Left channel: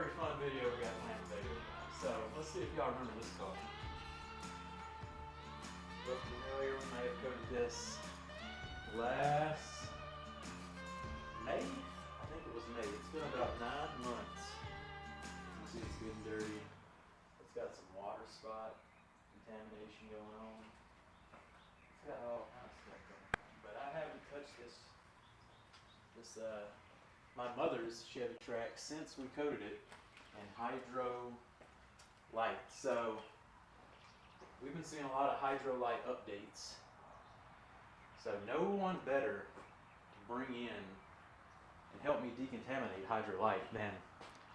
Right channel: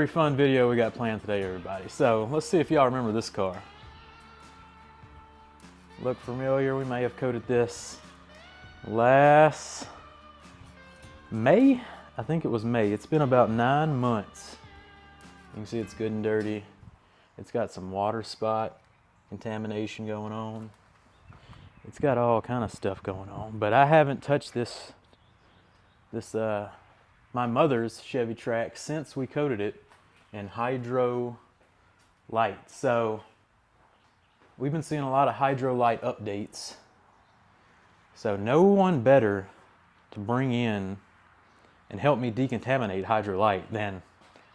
very fun video we got planned today, everybody. So let's see if y'all remember this car. Look familiar? We may have coated this last May. I think it was May. It's been about 9 months. You can see it's good and dirty. It's got some water spot contamination going on. It's got all kind of stuff going on, but I haven't touched this my mother's Chevy Trax since we coated it in Hydro Lite. So we've been seeing a lot of Hydro Lite updates. So no one better to bring in and help me decontaminate Hydro Lite than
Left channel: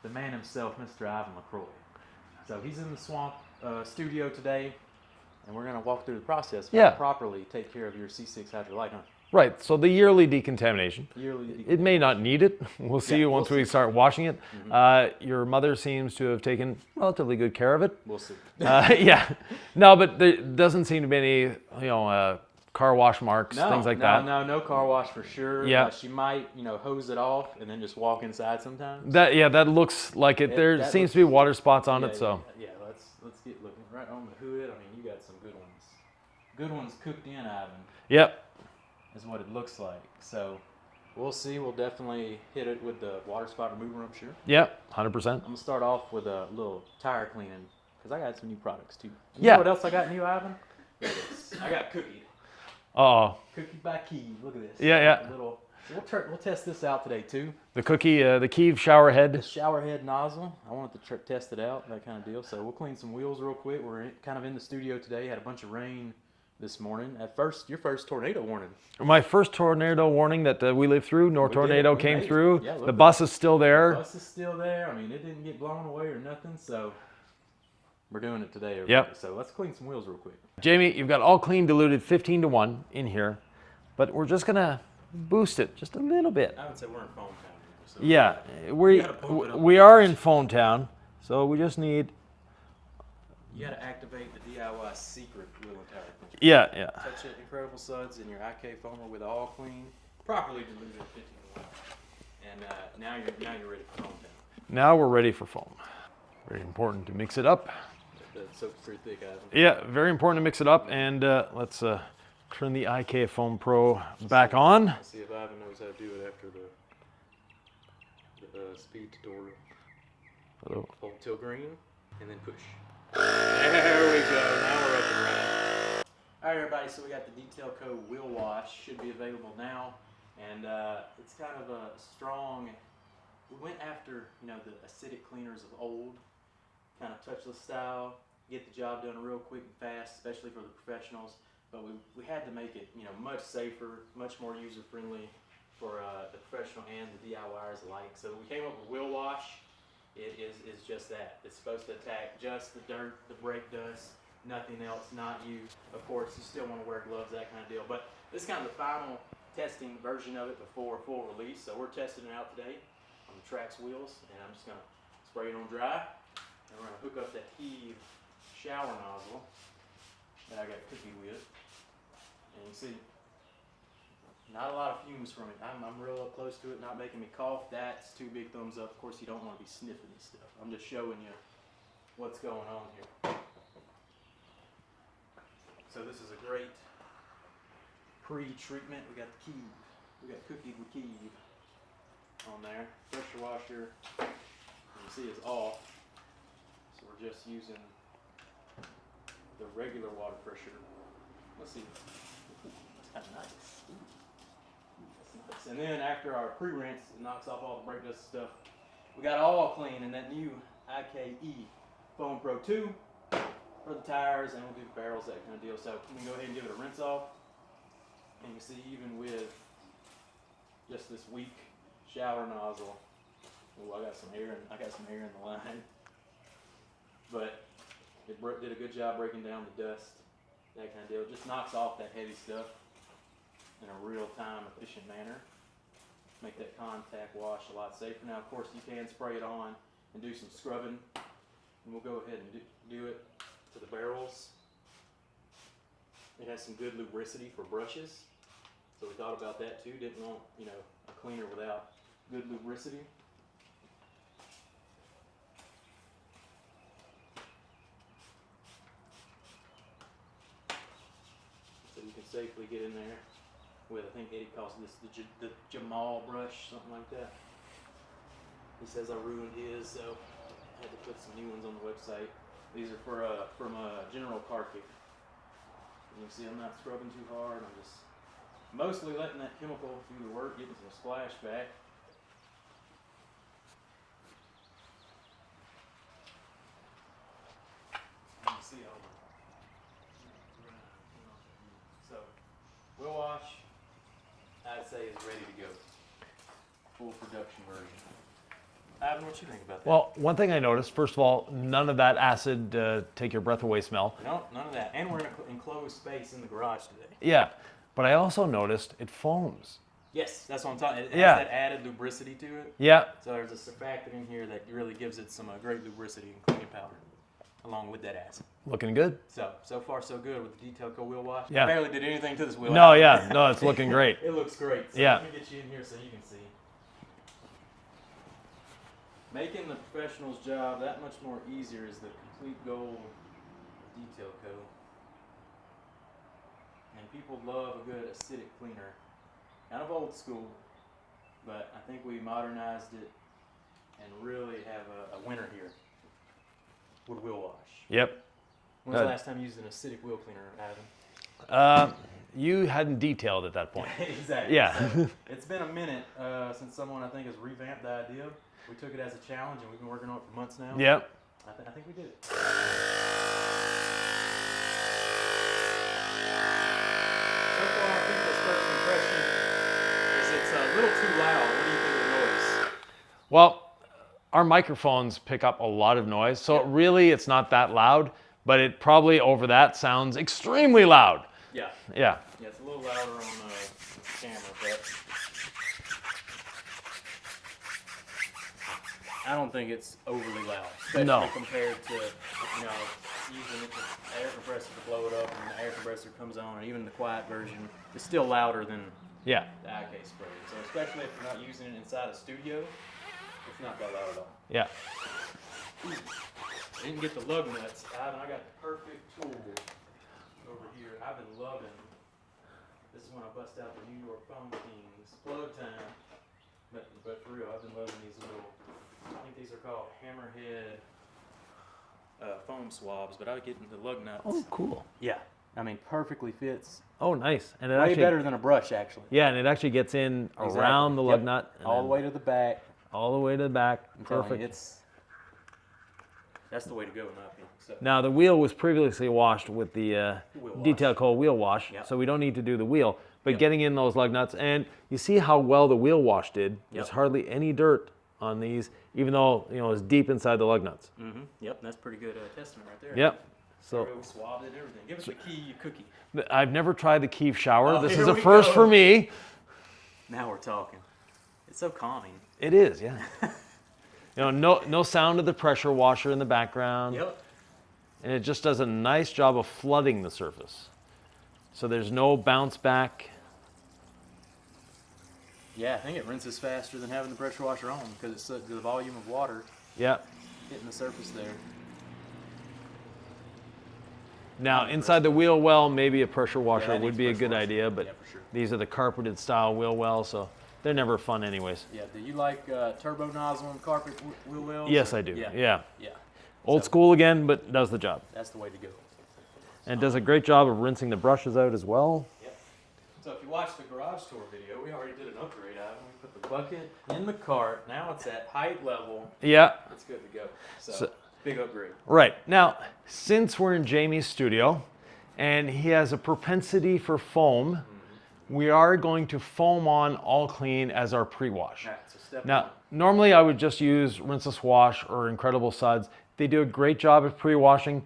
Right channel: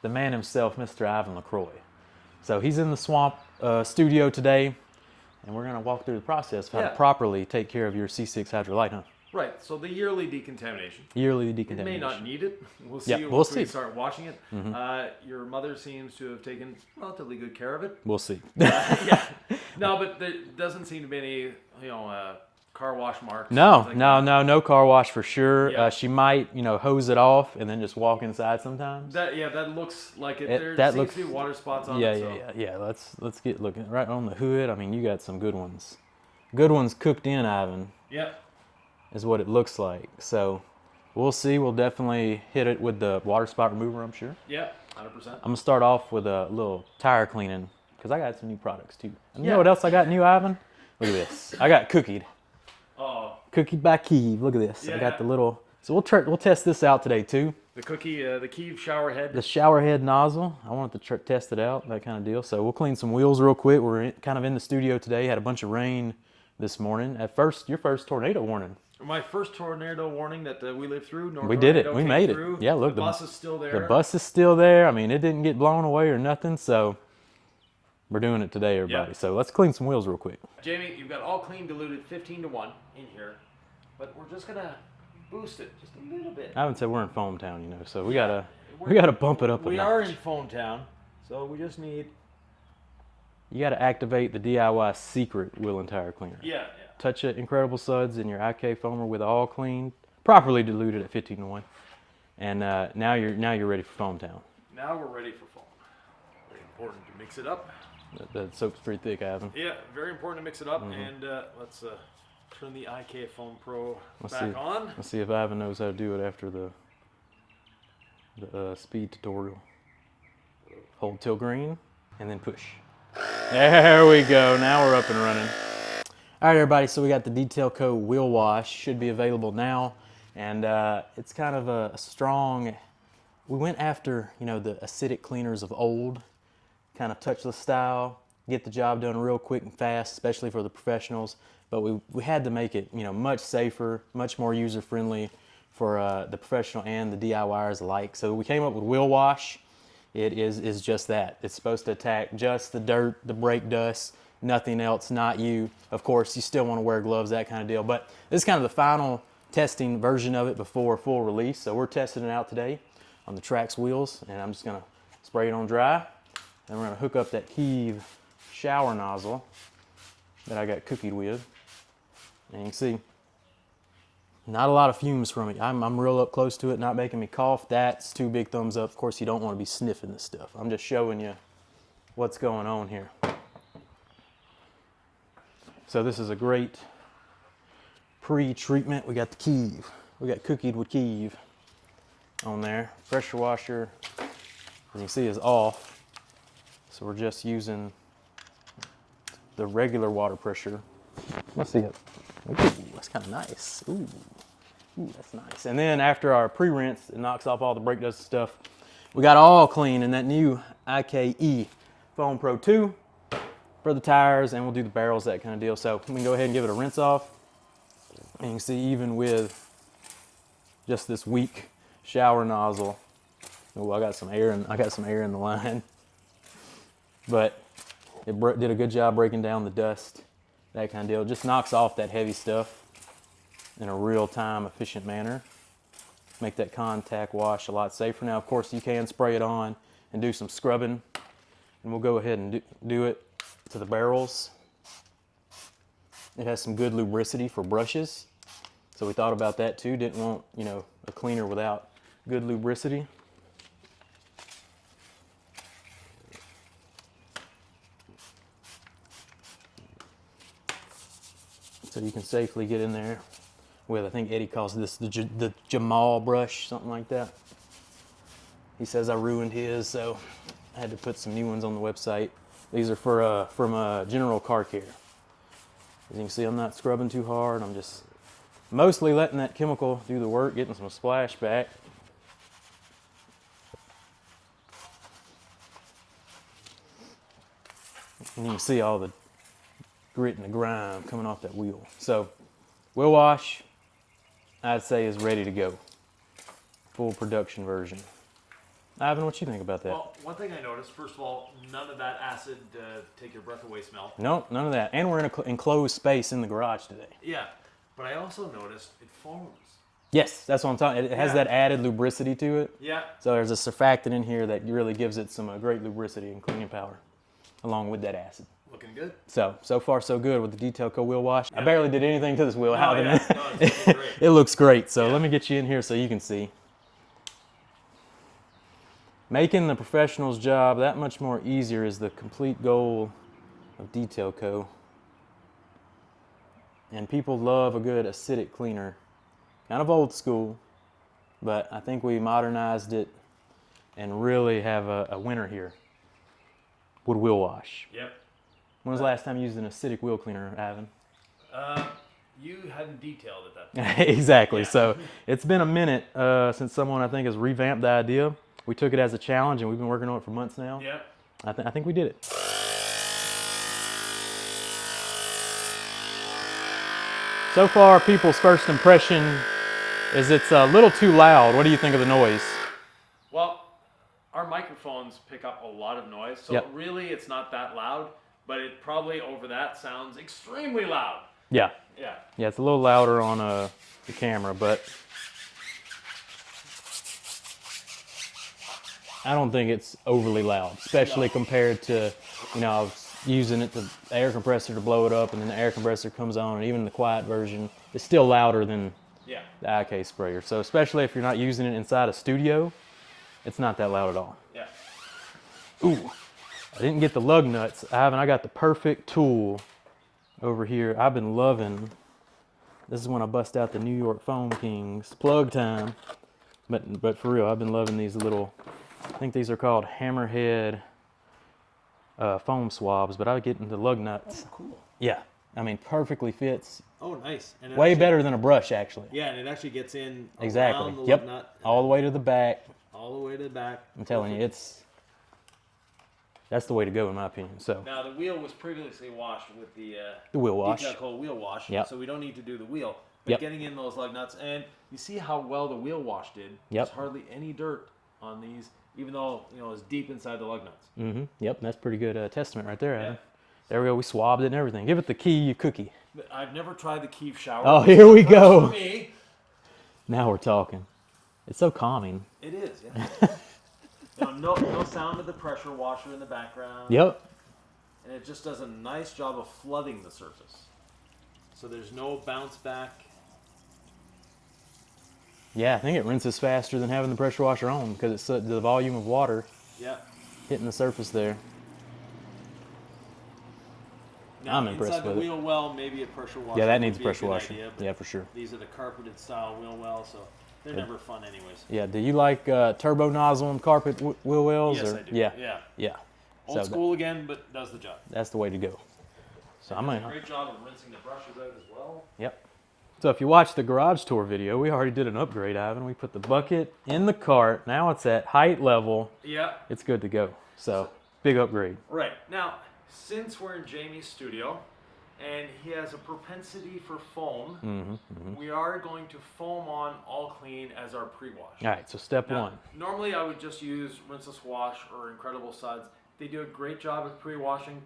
the man himself, Mr. Yvan Lacroix. So he's in the swamp studio today, and we're gonna walk through the process of how to properly take care of your C6 Hydro Lite, huh? Right, so the yearly decontamination. Yearly decontamination. It may not need it. We'll see once we start washing it. Mm-hmm. Your mother seems to have taken relatively good care of it. We'll see. Yeah. No, but there doesn't seem to be any, car wash marks. No, things like that. no car wash for sure. Yeah. She might, hose it off and then just walk inside sometimes. That looks like it. There seems to be water spots on it. So yeah. Let's get looking right on the hood. I mean, you got some good ones. Good ones cooked in, Ivan. Yep. Is what it looks like. So we'll see. We'll definitely hit it with the water spot remover, I'm sure. Yep, 100%. I'm gonna start off with a little tire cleaning because I got some new products too. You Yeah. know what else I got new, Ivan? Look at this. I got cookied. Uh-oh. Cookied by Kiev. Look at this. Yeah, I got the little. So we'll test this out today too. The cookie, the Kiev shower head. The shower head nozzle. I wanted to test it out, that kind of deal. So we'll clean some wheels real quick. We're kind of in the studio today. Had a bunch of rain this morning. At first, your first tornado warning. My first tornado warning that we lived through, tornado came through. Yeah, look, the bus is still there. The bus is still there. I mean, it didn't get blown away or nothing, so we're doing it today, everybody. Yep. So let's clean some wheels real quick. Jamie, you've got all clean diluted 15-1 in here, but we're just gonna boost it just a little bit. I would say we're in Foam Town, so we gotta bump it up. We are in Foam Town, so we just need. You got to activate the DIY secret wheel and tire cleaner. Yeah. Touch it, Incredible Suds in your IK foamer with all clean, properly diluted at 15-1, and now you're ready for Foam Town. Now we're ready for foam. Very important to mix it up. The soap's pretty thick, Ivan. Yeah, very important to mix it up, and let's turn the IK Foam Pro back on. Let's see if Ivan knows how to do it after the speed tutorial. Hold till green, and then push. There we go. Now we're up and running. All right, everybody. So we got the Detail Co. Wheel Wash. Should be available now, and it's kind of a strong. We went after the acidic cleaners of old, kind of touchless style. Get the job done real quick and fast, especially for the professionals. But we had to make it much safer, much more user friendly for the professional and the DIYers alike. So we came up with Wheel Wash. It is just that. It's supposed to attack just the dirt, the brake dust, nothing else, not you. Of course, you still want to wear gloves, that kind of deal. But this is kind of the final testing version of it before full release. So we're testing it out today on the Trax wheels. And I'm just going to spray it on dry. And we're going to hook up that Kiev shower nozzle that I got cookied with. And you can see, not a lot of fumes from it. I'm real up close to it, not making me cough. That's 2 big thumbs up. Of course, you don't want to be sniffing this stuff. I'm just showing you what's going on here. So this is a great pre-treatment. We got the Kiev. We got cookied with Kiev on there. Pressure washer, as you can see, is off. So we're just using the regular water pressure. Let's see it. Ooh, that's kind of nice. Ooh, that's nice. And then after our pre-rinse, it knocks off all the brake dust stuff. We got all clean in that new IKE Foam Pro 2 for the tires, and we'll do the barrels, that kind of deal. So we can go ahead and give it a rinse off. And you can see even with just this weak shower nozzle, oh, I got some air in the line. But it did a good job breaking down the dust, that kind of deal. It just knocks off that heavy stuff in a real-time, efficient manner. Make that contact wash a lot safer. Now, of course, you can spray it on and do some scrubbing, and we'll go ahead and do it to the barrels. It has some good lubricity for brushes, so we thought about that too. Didn't want, a cleaner without good lubricity. so you can safely get in there with, I think Eddie calls this the Jamal brush, something like that. He says I ruined his, so I had to put some new ones on the website. These are from General Car Care. As you can see, I'm not scrubbing too hard. I'm just mostly letting that chemical do the work, getting some splashback. And you can see all the grit and the grime coming off that wheel. So, wheel wash, I'd say, is ready to go. Full production version. Ivan, what you think about that? Well, one thing I noticed, first of all, none of that acid take your breath away smell. No, none of that. And we're in an enclosed space in the garage today. Yeah, but I also noticed it foams. Yes, that's what I'm talking. It has that added lubricity to it. Yeah. So there's a surfactant in here that really gives it some great lubricity and cleaning power, along with that acid. Looking good. So far so good with the Detail Co wheel wash. Yeah. I barely did anything to this wheel. No, no, it's looking great. It looks great. So Yeah. let me get you in here so you can see. Making the professional's job that much more easier is the complete goal of Detail Co. And people love a good acidic cleaner. Kind of old school, but I think we modernized it and really have a winner here. Wood wheel wash. Yep. When was the last time you used an acidic wheel cleaner, Ivan? You hadn't detailed at that point. Exactly. Yeah. So it's been a minute since someone, I think, has revamped the idea. We took it as a challenge, and we've been working on it for months now. Yep. I think we did it. So far, people's first impression is it's a little too loud. What do you think of the noise? Well, our microphones pick up a lot of noise, so Yep. really it's not that loud, but it probably over that sounds extremely loud. Yeah. Yeah. Yeah, it's a little louder on the camera, but I don't think it's overly loud, especially No. compared to, I was using the air compressor to blow it up, and then the air compressor comes on, and even the quiet version is still louder than Yeah. the IK sprayer. So especially if you're not using it inside a studio, it's not that loud at all. Yeah. Ooh, I didn't get the lug nuts. I got the perfect tool over here. I've been loving. This is when I bust out the New York Foam Kings. Plug time. But for real, I've been loving these little, I think these are called hammerhead foam swabs, but I get into lug nuts. Oh, cool. Yeah, I mean, perfectly fits. Oh, nice. And it Way actually, better than a brush, actually. Yeah, and it actually gets in Exactly. around the lug Yep. nut. and All the then way to the back. all the way to the back. I'm telling you, that's the way to go, in my opinion. So Now, the wheel was previously washed with the wheel wash. Detail Co wheel wash, Yep. so we don't need to do the wheel. But Yep. getting in those lug nuts, and you see how well the wheel wash did. Yep. There's hardly any dirt on these, even though it's deep inside the lug nuts. Yep, that's pretty good testament right there. Yep. Huh? There we go. We swabbed it and everything. Give it the key, you cookie. I've never tried the Keef shower. Oh, This here is a we first go. for me. Now we're talking. It's so calming. It is, yeah. No sound of the pressure washer in the background. Yep. And it just does a nice job of flooding the surface. So there's no bounce back. Yeah, I think it rinses faster than having the pressure washer on because it's the volume of water Yeah. hitting the surface there. Now, I'm impressed inside the with it. wheel well, maybe a pressure washer that would needs be a pressure good washer. idea, but Yeah, for sure. these are the carpeted style wheel wells, so they're never fun anyways. Yeah, do you like turbo nozzle and carpet wheel wells? Yes, or- I do. Yeah. Yeah. Yeah. Old So school again, but does the job. That's the way to go. And I'm does a gonna- great job of rinsing the brushes out as well. Yep. So if you watch the garage tour video, we already did an upgrade, Ivan. We put the bucket in the cart. Now it's at height level. Yeah. It's good to go. So big upgrade. Right. Now, since we're in Jamie's studio and he has a propensity for foam, we are going to foam on all clean as our pre-wash. All right, so step Now, one. normally I would just use Rinseless Wash or Incredible Suds. They do a great job of pre-washing,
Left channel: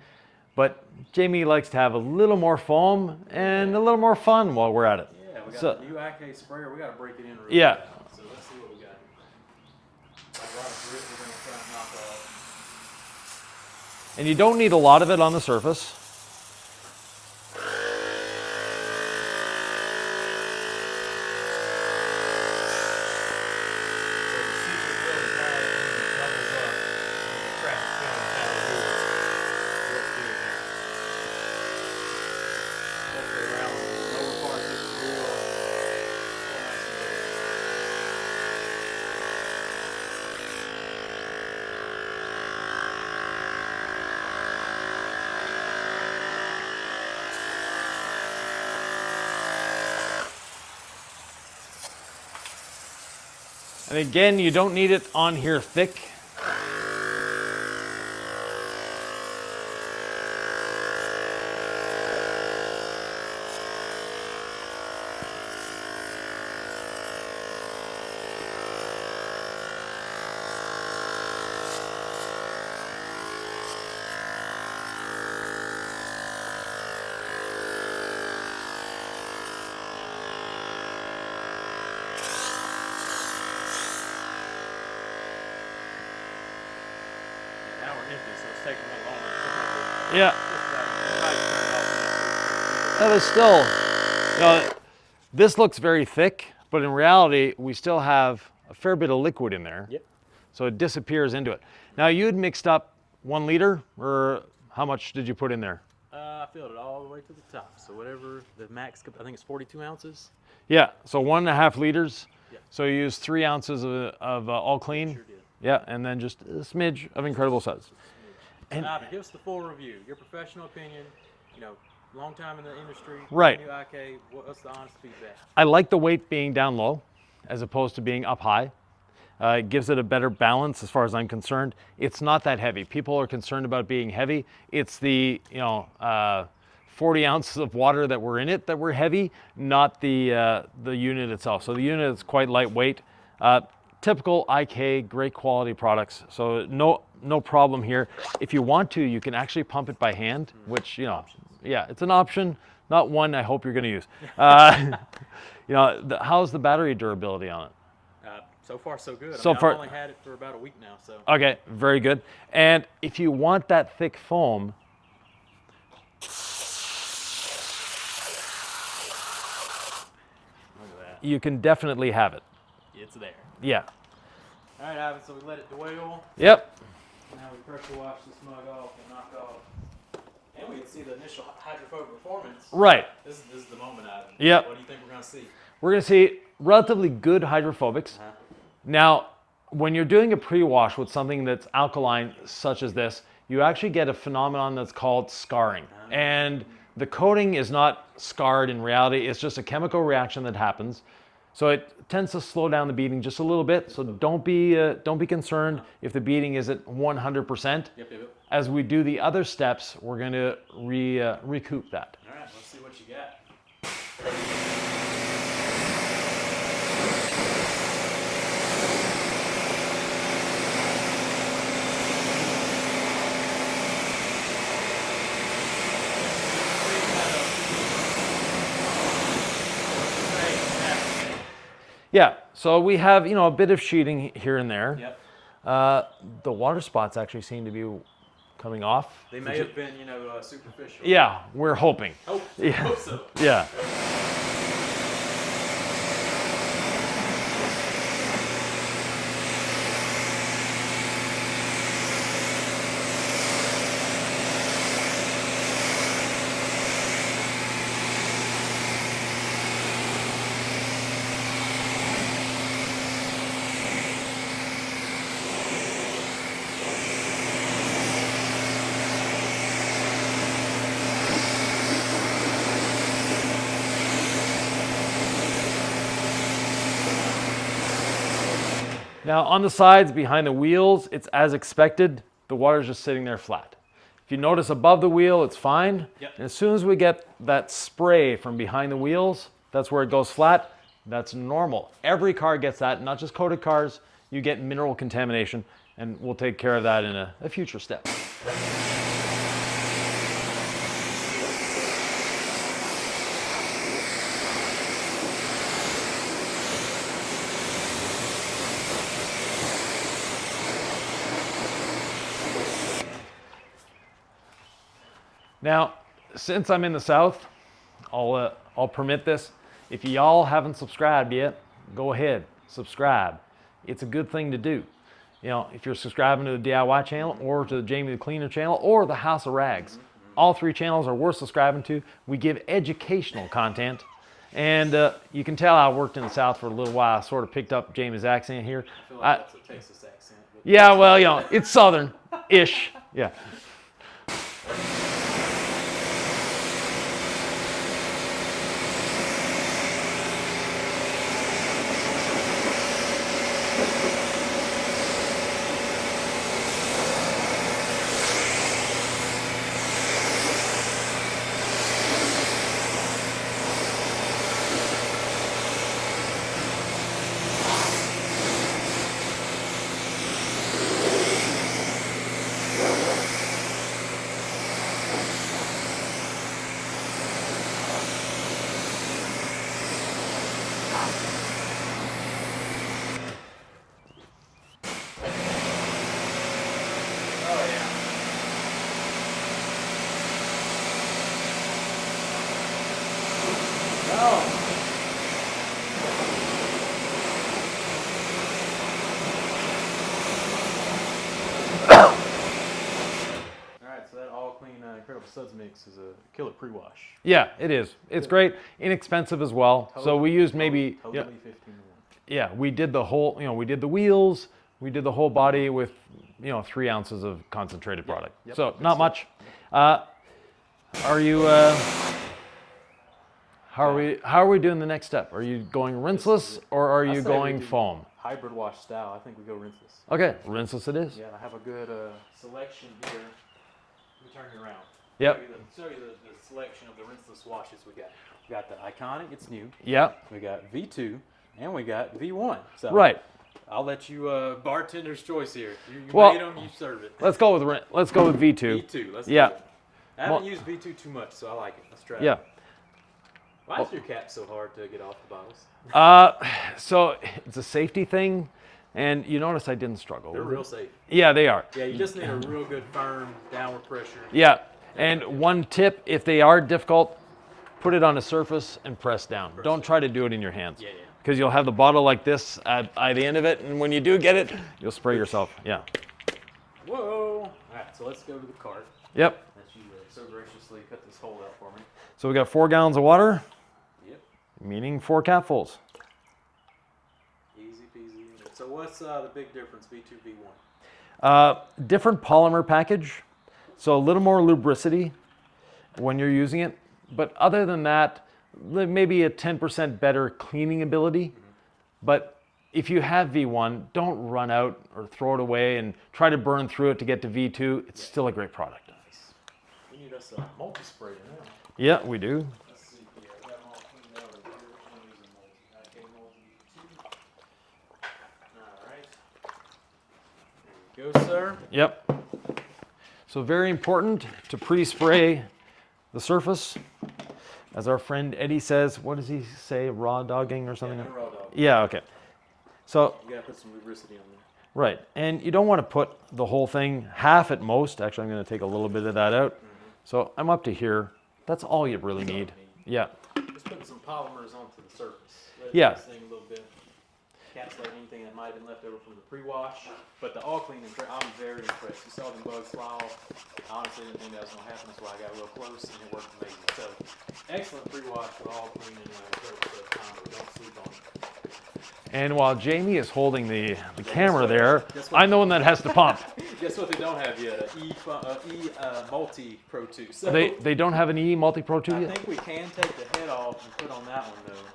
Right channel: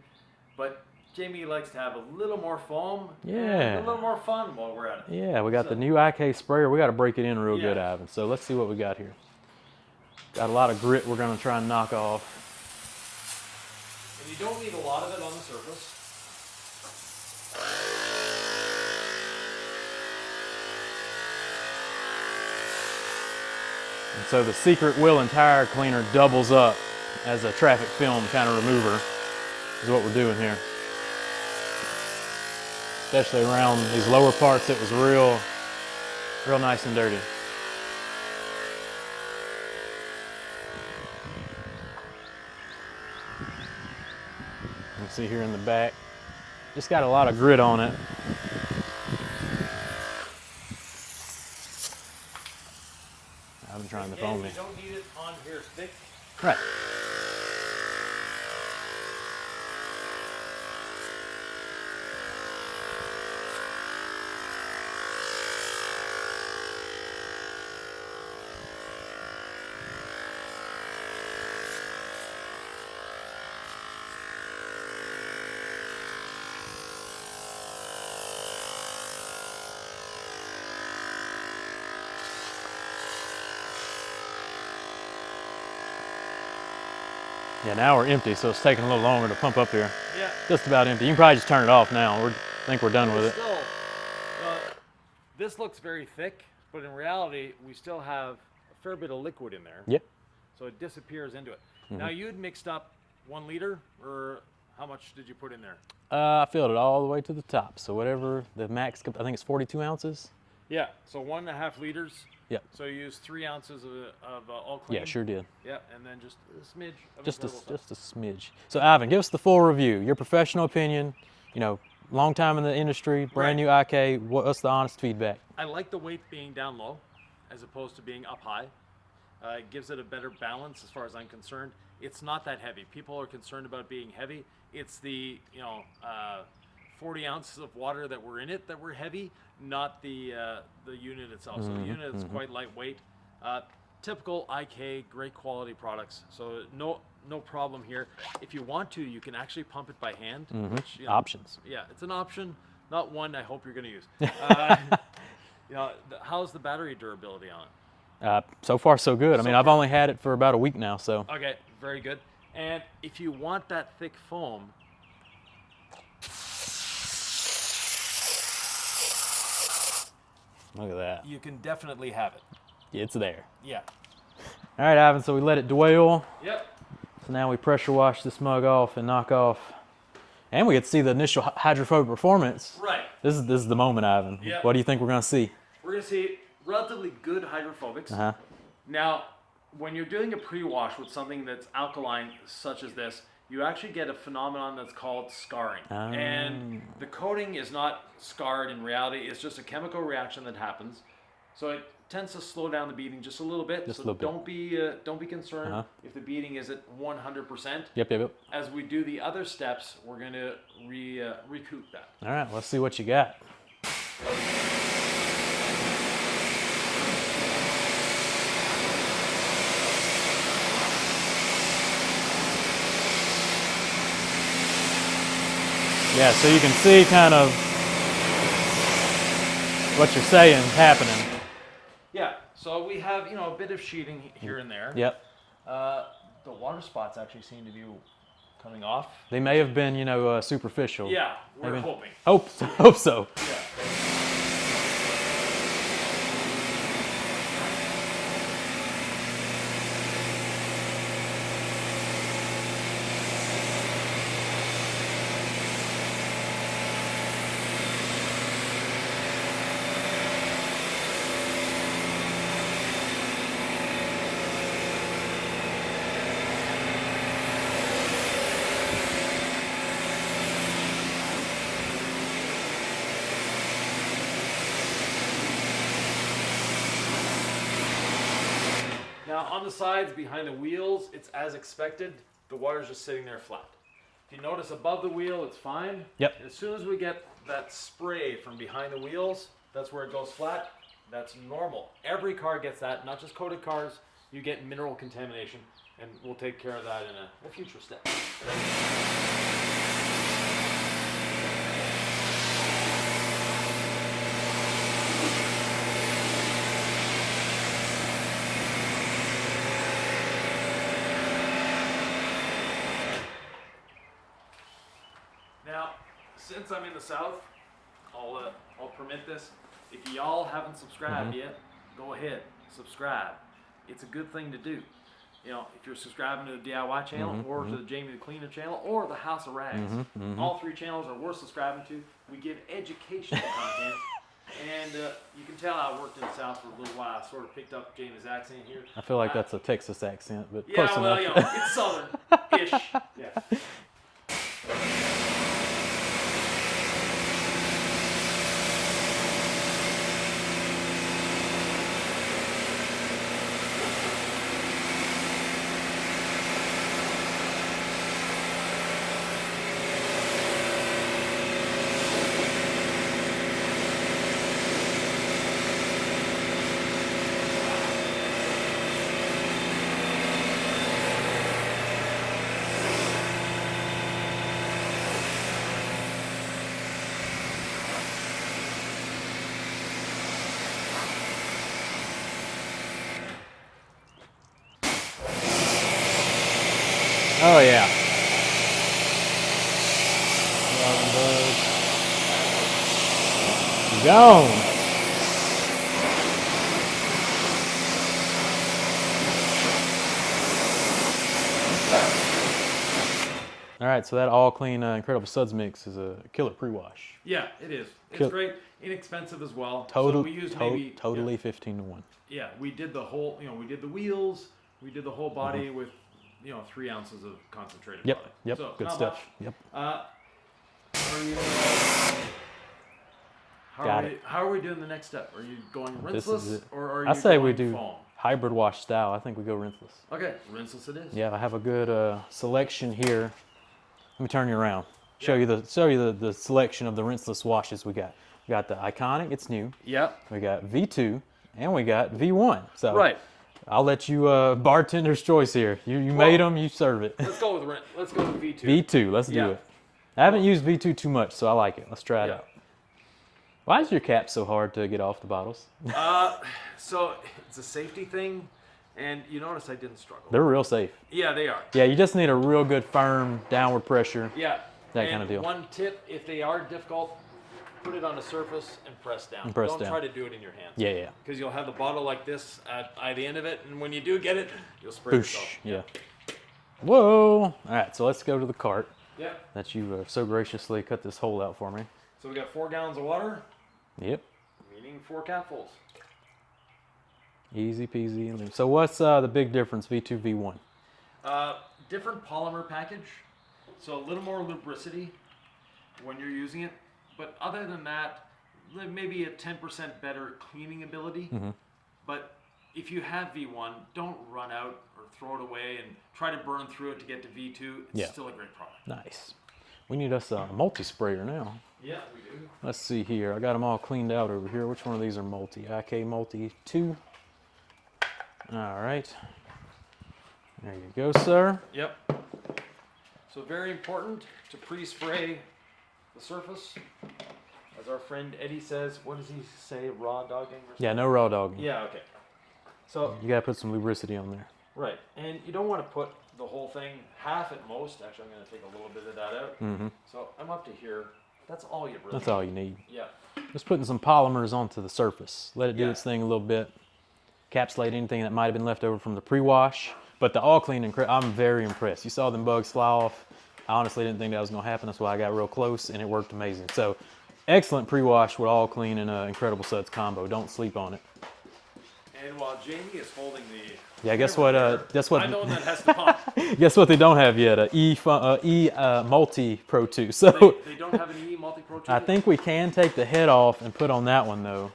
but Jamie likes to have a little more foam and Yeah. a little more fun while we're at it. Yeah, we got So- the new IK sprayer. We got to break it in real Yeah. good, Ivan. So let's see what we got here. Got a lot of grit we're going to try and knock off. And you don't need a lot of it on the surface. So the secret wheel and tire cleaner doubles up as a traffic film kind of remover is what we're doing here. especially around these lower parts. It was real nice and dirty. You see here in the back, just got a lot of grit on it. And again, you don't need it on here thick. Right. Yeah, now we're empty, so it's taking a little longer to pump up here. Yeah. Just about empty. You can probably just turn it off now. I think we're done That with was it. still, this looks very thick, but in reality, we still have a fair bit of liquid in there. Yep. So it disappears into it. Now you had mixed up 1 liter, or how much did you put in there? I filled it all the way to the top. So whatever the max, I think it's 42 ounces. Yeah, so 1.5 liters. Yep. So you used 3 ounces of all clean. Yeah, sure did. Yeah, and then just a smidge of incredible stuff. Just a smidge. So Ivan, give us the full review. Your professional opinion. You know, long time in the industry, brand new IK. What's the honest feedback? I like the weight being down low, as opposed to being up high. It gives it a better balance as far as I'm concerned. It's not that heavy. People are concerned about being heavy. It's the 40 ounces of water that were in it that were heavy, not the unit itself. So the unit is quite lightweight. Typical IK, great quality products. So no problem here. If you want to, you can actually pump it by hand, which Options. Yeah, it's an option, not one I hope you're going to use. How's the battery durability on it? So far, so good. I mean, I've only had it for about a week now, so. Okay, very good. And if you want that thick foam, Look at that. you can definitely have it. It's there. Yeah. All right, Ivan, so we let it dwell. Yep. So now we pressure wash this mug off and knock off. And we get to see the initial hydrophobic performance. Right. This is the moment, Ivan. Yep. What do you think we're going to see? We're going to see relatively good hydrophobics. Uh-huh. Now, when you're doing a pre-wash with something that's alkaline, such as this, you actually get a phenomenon that's called scarring. And the coating is not scarred in reality. It's just a chemical reaction that happens. So it tends to slow down the beating just a little bit. So don't be concerned if the beating isn't 100%. Yep. As we do the other steps, we're going to recoup that. All right, let's see what you got. Yeah, so you can see kind of what you're saying happening. Yeah, so we have, a bit of sheeting here and there. Yep. The water spots actually seem to be coming off. They may have been, superficial. Yeah, we're hoping. Hope so. Yeah. Now on the sides behind the wheels, it's as expected. The water's just sitting there flat. If you notice above the wheel, it's fine. Yep. And as soon as we get that spray from behind the wheels, that's where it goes flat. That's normal. Every car gets that, not just coated cars. You get mineral contamination, and we'll take care of that in a future step. Now, since I'm in the South, I'll permit this. If y'all haven't subscribed yet, go ahead, subscribe. It's a good thing to do. you know, if you're subscribing to the DIY channel or to the Jamie the Cleaner channel or the House of Rags. All 3 channels are worth subscribing to. We give educational content. And you can tell I worked in the South for a little while. I sort of picked up Jamie's accent here. I feel like that's a Texas accent. But yeah, well, you know, it's Southern-ish. Yeah. Oh yeah. Gone. All right, so that all clean Incredible Suds mix is a killer pre-wash. Yeah, it is. It's great, inexpensive as well. So we used maybe totally 15 to 1. Yeah, we did the whole. You know, we did the wheels. We did the whole body with, you know, 3 ounces of concentrated product. Yep. So Good not stuff. much. Yep. Are you? How are we doing the next step? Are you going rinseless or are you going foam? Hybrid wash style. I think we go rinseless. Okay, rinseless it is. Yeah, I have a good selection here. Let me turn you around. Yep. Show you the selection of the rinseless washes we got. We got the Iconic, it's new. Yep. We got V2 and we got V1. So Right. I'll let you bartender's choice here. You Well, made them, you serve it. Let's go with V2. V2, let's Yeah. do it. I haven't used V2 too much, so I like it. Let's try it. Yeah. out. Why is your cap so hard to get off the bottles? So it's a safety thing, and you notice I didn't struggle. They're real safe. Yeah, they are. Yeah, you just need a real good firm downward pressure. Yeah. That And kind of deal. one tip, if they are difficult, put it on a surface and press down. press Don't down. try to do it in your hands. Yeah, yeah. Because you'll have the bottle like this at the end of it, and when you do get it, you'll spray Boosh. yourself. Yeah. Whoa. All right, so let's go to the cart Yep. that you so graciously cut this hole out for me. So we got 4 gallons of water, Yep. meaning 4 capfuls. Easy peasy. So what's the big difference, V2, V1? Different polymer package, so a little more lubricity when you're using it. But other than that, maybe a 10% better cleaning ability. But if you have V1, don't run out or throw it away and try to burn through it to get to V2. It's still a great product. Nice. We need us a multi-sprayer now. Yeah, we do. Let's see here. I got them all cleaned out over here. Which one of these are multi? IK multi 2. All right. There you go, sir. Yep. So very important to pre-spray the surface. As our friend Eddie says, what does he say, raw dogging or something? Yeah, no raw dog. Yeah, okay. So, You gotta put some lubricity on there. right, and you don't want to put the whole thing, half at most. Actually, I'm going to take a little bit of that out. So I'm up to here. That's all you really That's all you need. Yeah. Just putting some polymers onto the surface. Let it do Yeah. its thing a little bit. Encapsulate anything that might have been left over from the pre-wash. But the all clean, I'm very impressed. You saw them bugs fly off. I honestly didn't think that was gonna happen. That's why I got real close and it worked amazing. So excellent pre-wash with all clean and Incredible Suds combo. Don't sleep on it. And while Jamie is holding the Yeah, guess camera what, there, guess what- I'm the one that has to pump. Guess what they don't have yet? Multi Pro 2. So They don't have an E Multi-Pro 2 I yet? think we can take the head off and put on that one though.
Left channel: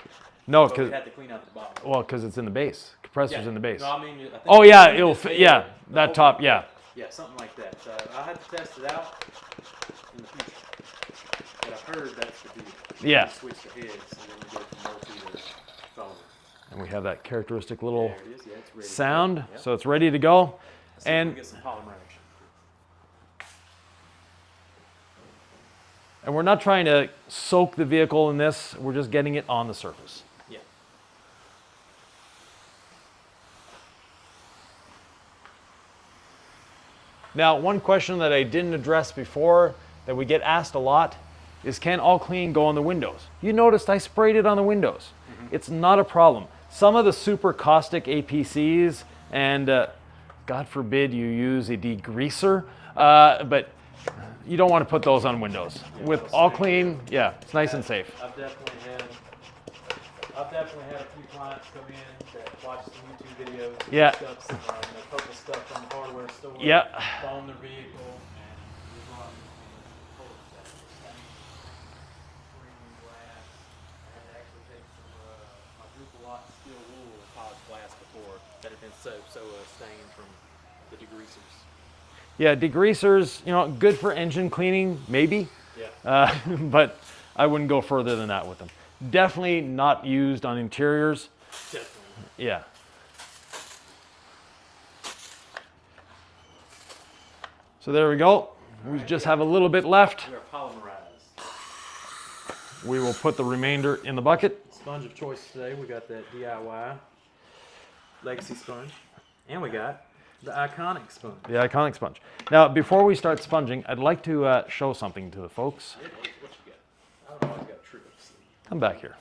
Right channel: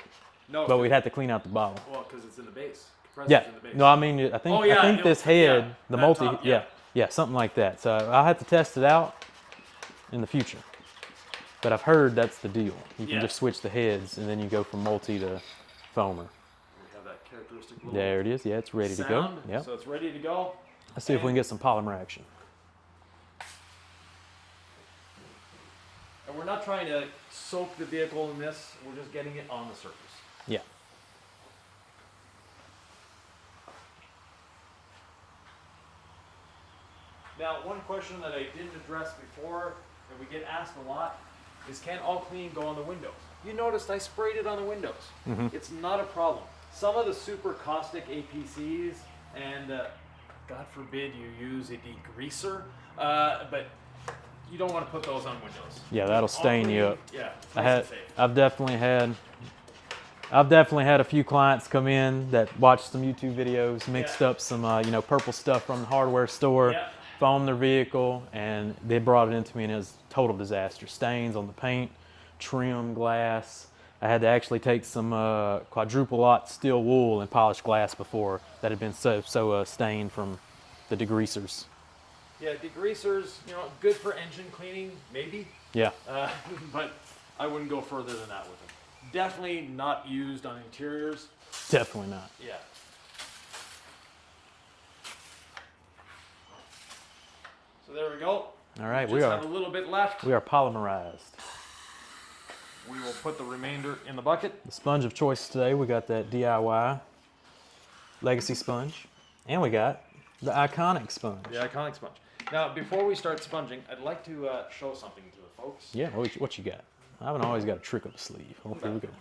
No, But we'd have to clean out the bottom. well, because it's in the base. Compressor's in the base. No, I mean, I think. Oh, yeah, I think it'll this fit- head, yeah, the that top, yeah. yeah, something like that. So I'll have to test it out in the future. But I've heard that's the deal. You Yeah. can just switch the heads, and then you go from multi to foamer. And we have that characteristic little There it is. Yeah, it's ready sound, to go. Yep. so it's ready to go. Let's see if we can get some polymer action. And we're not trying to soak the vehicle in this, we're just getting it on the surface. Yeah. Now, one question that I didn't address before that we get asked a lot is, can all clean go on the windows? You noticed I sprayed it on the windows. It's not a problem. Some of the super caustic APCs and God forbid you use a degreaser, but you don't want to put those on windows. Yeah, With that'll all stain clean, you up. yeah, it's nice and safe. I've definitely had a few clients come in that watched some YouTube videos, mixed up some purple stuff from the hardware store, Yeah. foamed their vehicle, and they brought it into me, and it was a total disaster. Stains on the paint, trim, glass. I had to actually take some quadruple lot steel wool and polish glass before that had been so stained from the degreasers. Yeah, degreasers, good for engine cleaning, maybe, Yeah. but I wouldn't go further than that with them. Definitely not used on interiors. Definitely not. Yeah. So there we go. All right, We just have a little bit left. We are polymerized. We will put the remainder in the bucket. The sponge of choice today, we got that DIY Legacy sponge, and we got the iconic sponge. The iconic sponge. Now, before we start sponging, I'd like to show something to the folks. Yeah, what you got? I haven't always got a trick up the sleeve. Come back here.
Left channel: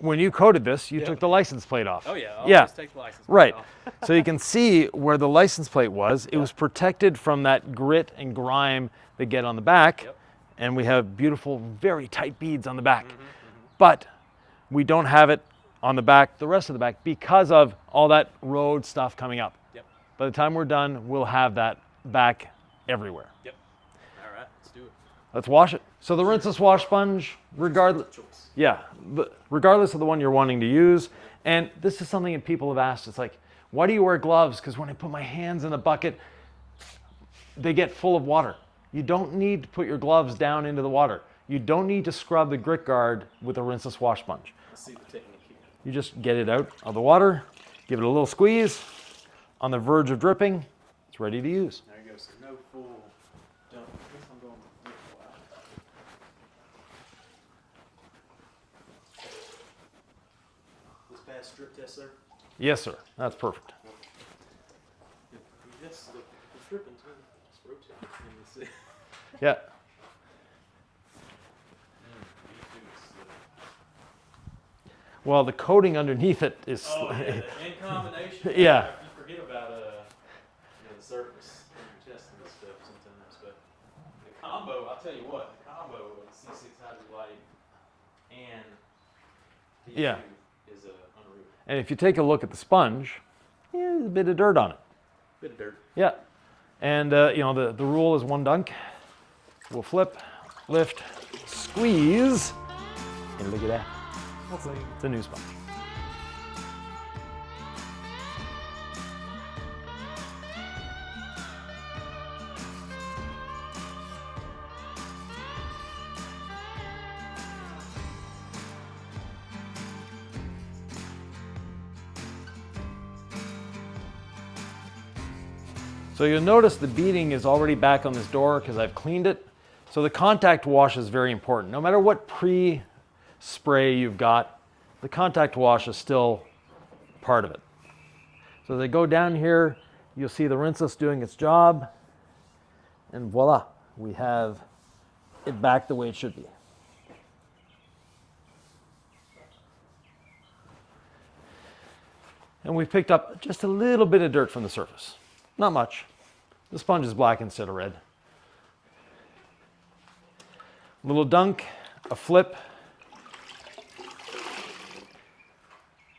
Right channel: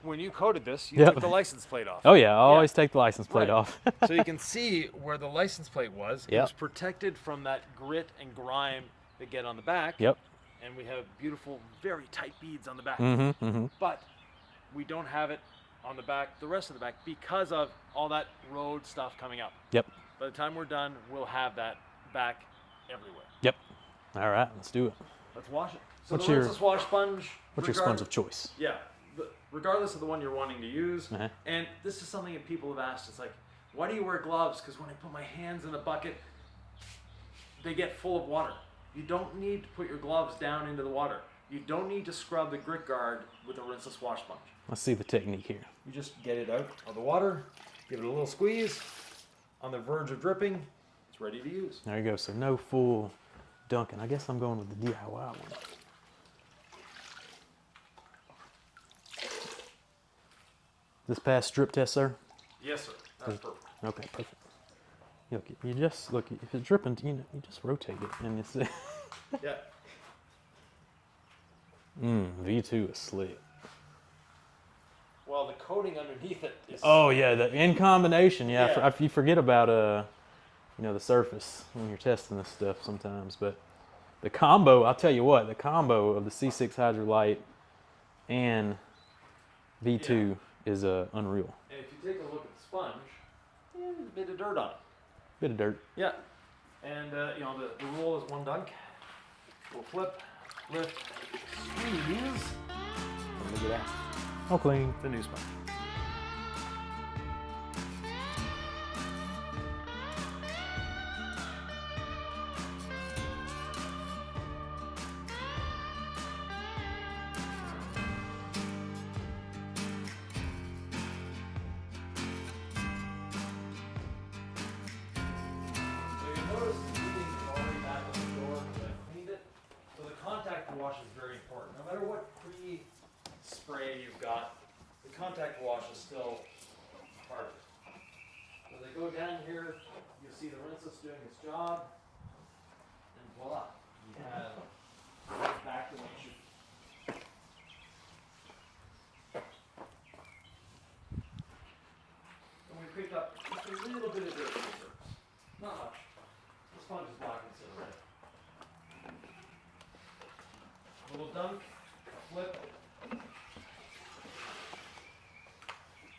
When you coated this, you took the license plate off. Oh yeah, I always take the license plate off. So you can see where the license plate was. It Yeah. was protected from that grit and grime that get on the back. Yep. And we have beautiful, very tight beads on the back. But we don't have it on the back, the rest of the back, because of all that road stuff coming up. Yep. By the time we're done, we'll have that back everywhere. Yep. All right, let's do it. Let's wash it. So What's the your- Rinseless wash sponge, What's your regardless, sponge of choice? yeah, regardless of the one you're wanting to use. Uh-huh. And this is something that people have asked. It's like, why do you wear gloves? Because when I put my hands in the bucket, they get full of water. You don't need to put your gloves down into the water. You don't need to scrub the grit guard with a Rinseless wash sponge. Let's see the technique here. You just get it out of the water, give it a little squeeze. On the verge of dripping, it's ready to use. There you go. So no full dunking. I guess I'm going with the DIY one. This past strip test, sir? Yes, sir. That's perfect. Okay, perfect. You just look. If it's dripping, you just rotate it, and it's Yeah. V2 is slick. Well, the coating underneath it is. Oh yeah, in combination. Yeah, Yeah. You forget about the surface when you're testing this stuff sometimes. But the combo, I'll tell you what, the combo of the C6 Hydrolite and V2 is unreal. And if you take a look at the sponge, there's a bit of dirt on it. Bit of dirt. Yeah. And the rule is one dunk. We'll flip, lift, squeeze, and look at that. Hopefully, It's a new sponge. So you'll notice the beading is already back on this door because I've cleaned it. So the contact wash is very important. No matter what pre-spray you've got, the contact wash is still part of it. So they go down here, you'll see the Rinseless doing its job, and voila, we have it back the way it should be. And we've picked up just a little bit of dirt from the surface. Not much. The sponge is black instead of red. A little dunk, a flip,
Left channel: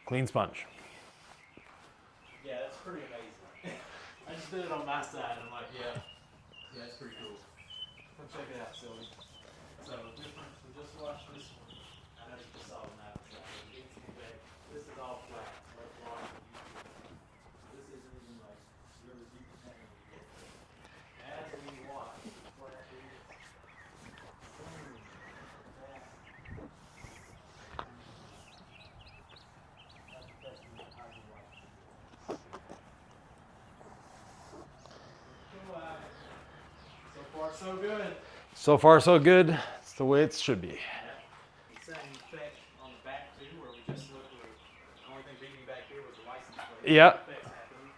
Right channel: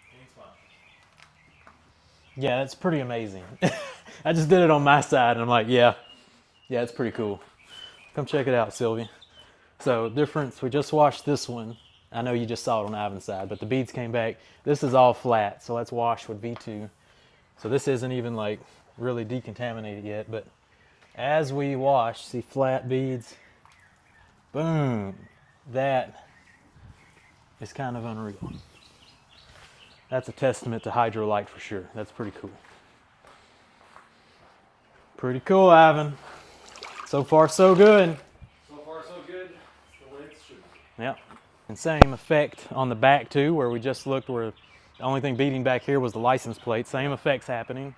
clean sponge. yeah, it's pretty amazing. I just did it on my side, and I'm like, yeah, it's pretty cool. Come check it out, Sylvia. So difference, we just washed this one. I know you just saw it on Ivan's side, but the beads came back. This is all flat, so let's wash with V2. So this isn't even like really decontaminated yet, but as we wash, see flat beads, boom, that is kind of unreal. That's a testament to Hydrolite for sure. That's pretty cool. Pretty cool, Ivan. So far, so good. So far, so good. It's the way it should be. Yep. And same effect on the back too, where we just looked where the only thing beating back here was the license plate. Same Yep. effects happening.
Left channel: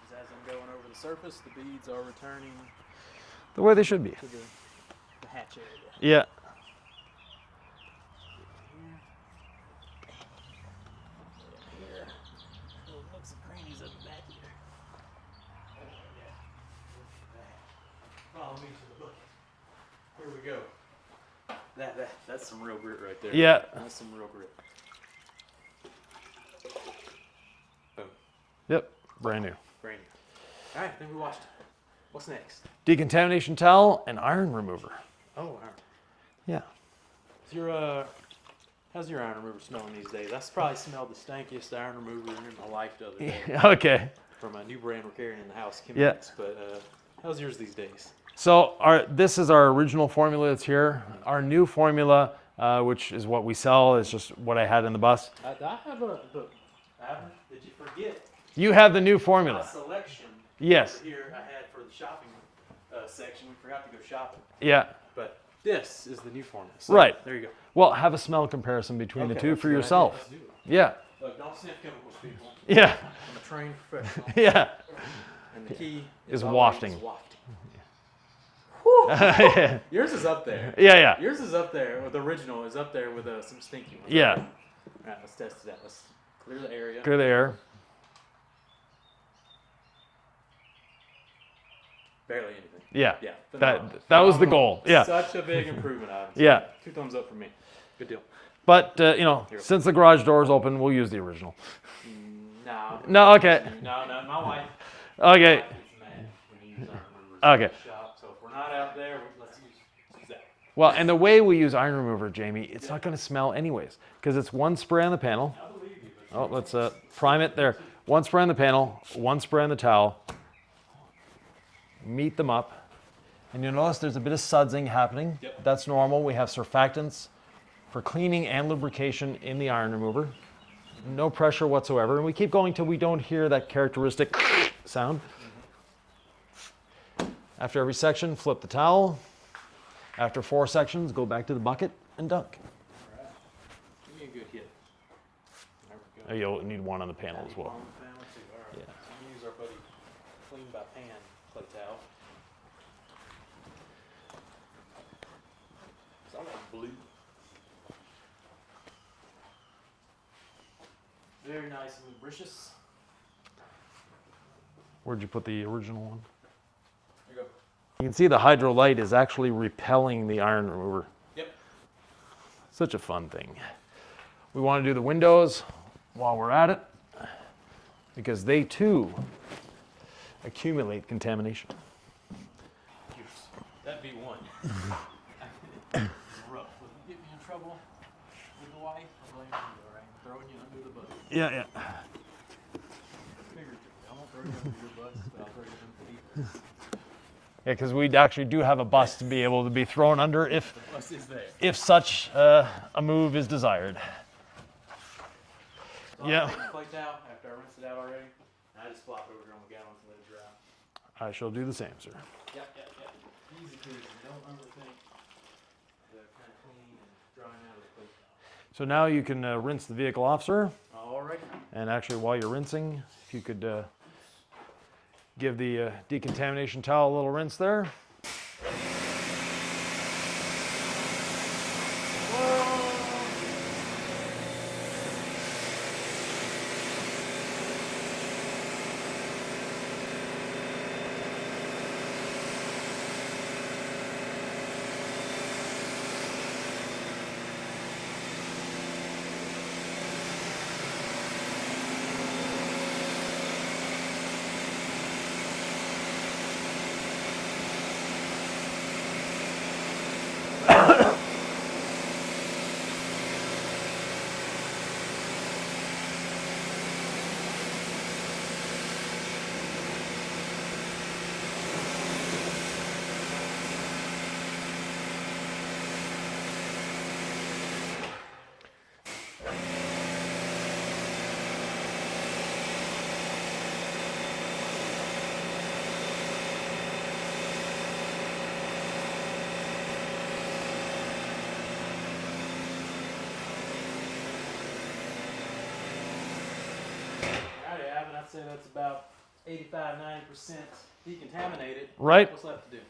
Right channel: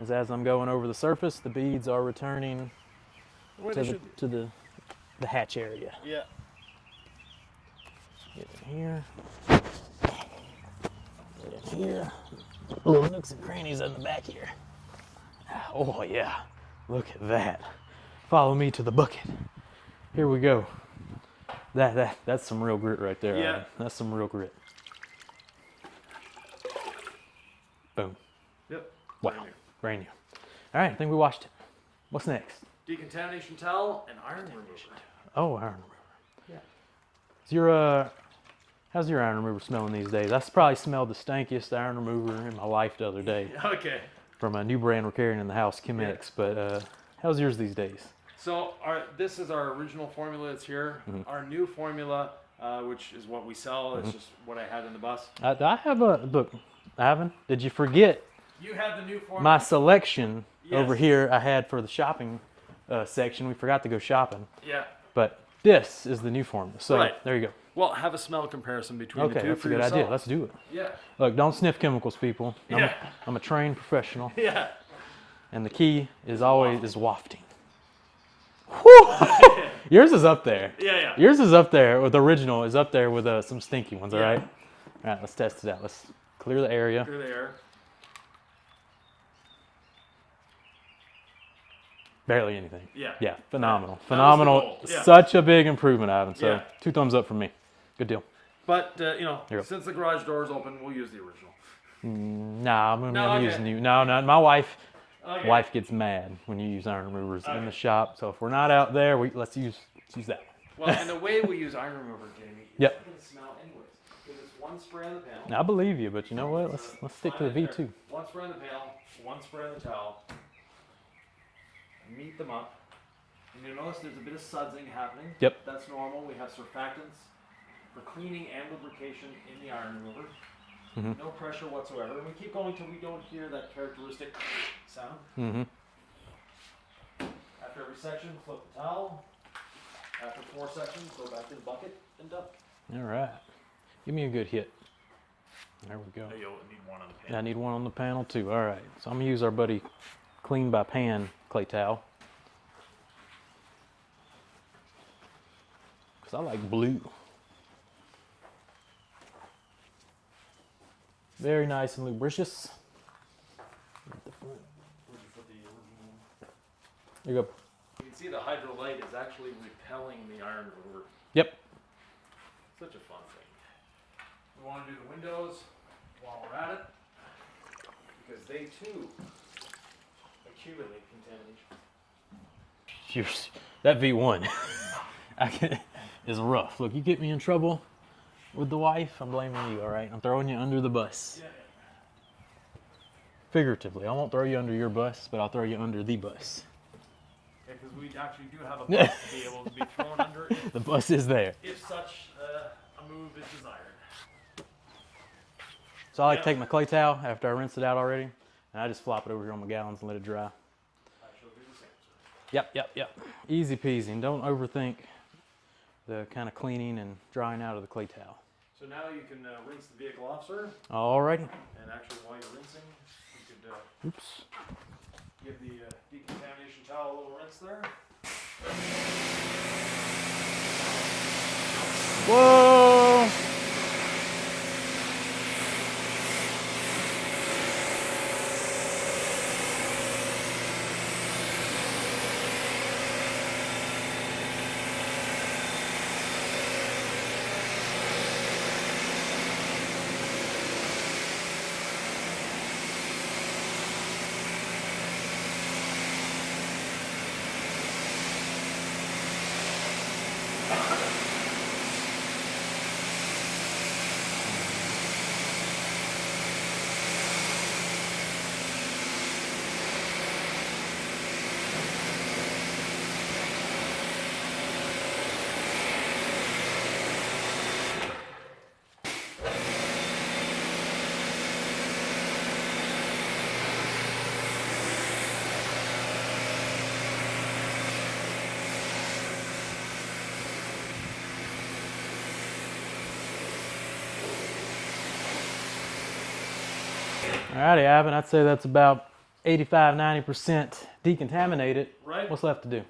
As I'm going over the surface, the beads are returning The way they should be. to the hatch area. Yeah. Get in here. here. Little nooks and crannies in the back here. Oh yeah, look at that. Follow me to the bucket. Here we go. That's some real grit right there. Yeah. Right? That's some real grit. Boom. Yep. Brand new. Brand new. All right, I think we washed it. What's next? Decontamination towel and iron remover. Oh, iron remover. Yeah. How's your iron remover smelling these days? I probably smelled the stankiest iron remover in my life the other day Okay. from a new brand we're carrying in the house, Chemex. But how's yours these days? So this is our original formula that's here. Our new formula, which is what we sell, is just what I had in the bus. I have a look. Ivan, did you forget You have the new formula. my selection Yes. over here? I had for the shopping section. We forgot to go shopping, Yeah. but this is the new formula. So Right. there you go. Well, have a smell comparison between the Okay, two that's for a good yourself. idea. Let's do it. Yeah. Look, don't sniff chemicals, people. Yeah. I'm a trained professional, Yeah. and the key is Is always wafting. wafting. Whew. Yours is up there. Yeah, yeah. Yours is up there with the original. Is up there with some stinky ones. Yeah. All right. All right. Let's test it out. Let's clear the area. Good air. Barely anything. Yeah. Yeah. Phenomenal. That was the Phenomenal. goal. Yeah. Such a big improvement, Adam. So Yeah. 2 thumbs up from me. Good deal. But, Here. since the garage door is open, we'll use the original. Nah. No, okay. No. My wife Okay. wife gets mad when you use iron removers in Okay. the shop. So if we're not out there, let's use that. Well, and the way we use iron remover, Jamie, it's Yep. not going to smell anyways, because it's one spray on the panel. I believe you, but you know Oh, what? let's stick prime to it there. V2. One spray on the panel, one spray on the towel. Meet them up. And you'll notice there's a bit of sudsing happening. Yep. That's normal. We have surfactants for cleaning and lubrication in the iron remover. Mm-hmm. No pressure whatsoever. And we keep going till we don't hear that characteristic sound. Mm-hmm. After every section, flip the towel. After 4 sections, go back to the bucket and dunk. All right. Give me a good hit. There we go. You'll need one on the panel. I need as well. one on the panel too. All right. So I'm gonna use our buddy Clean by Pan clay towel. Cause I like blue. Very nice and lubricious. Where'd you put the original one? There you go. You can see the Hydro Lite is actually repelling the iron remover. Yep. Such a fun thing. We want to do the windows while we're at it because they too accumulate contamination. Cheers. That V1 is rough. Look, you get me in trouble with the wife, I'm blaming you, all right? I'm throwing you under the bus. Yeah. Figuratively. I won't throw you under your bus, but I'll throw you under the bus. Yeah, because we actually do have a bus to be able to be thrown under The bus is there. if such a move is desired. So I like Yeah. to take my clay towel after I rinse it out already, and I just flop it over here on my gallons and let it dry. I shall do the same, sir. Yep. Easy peasy. And don't overthink the kind of cleaning and drying out of the clay towel. So now you can rinse the vehicle off, sir. Alrighty. And actually, while you're rinsing, if you could give the decontamination towel a little rinse there. Whoa! Alrighty, Ivan, I'd say that's about 85–90% decontaminated. Right. What's left to do?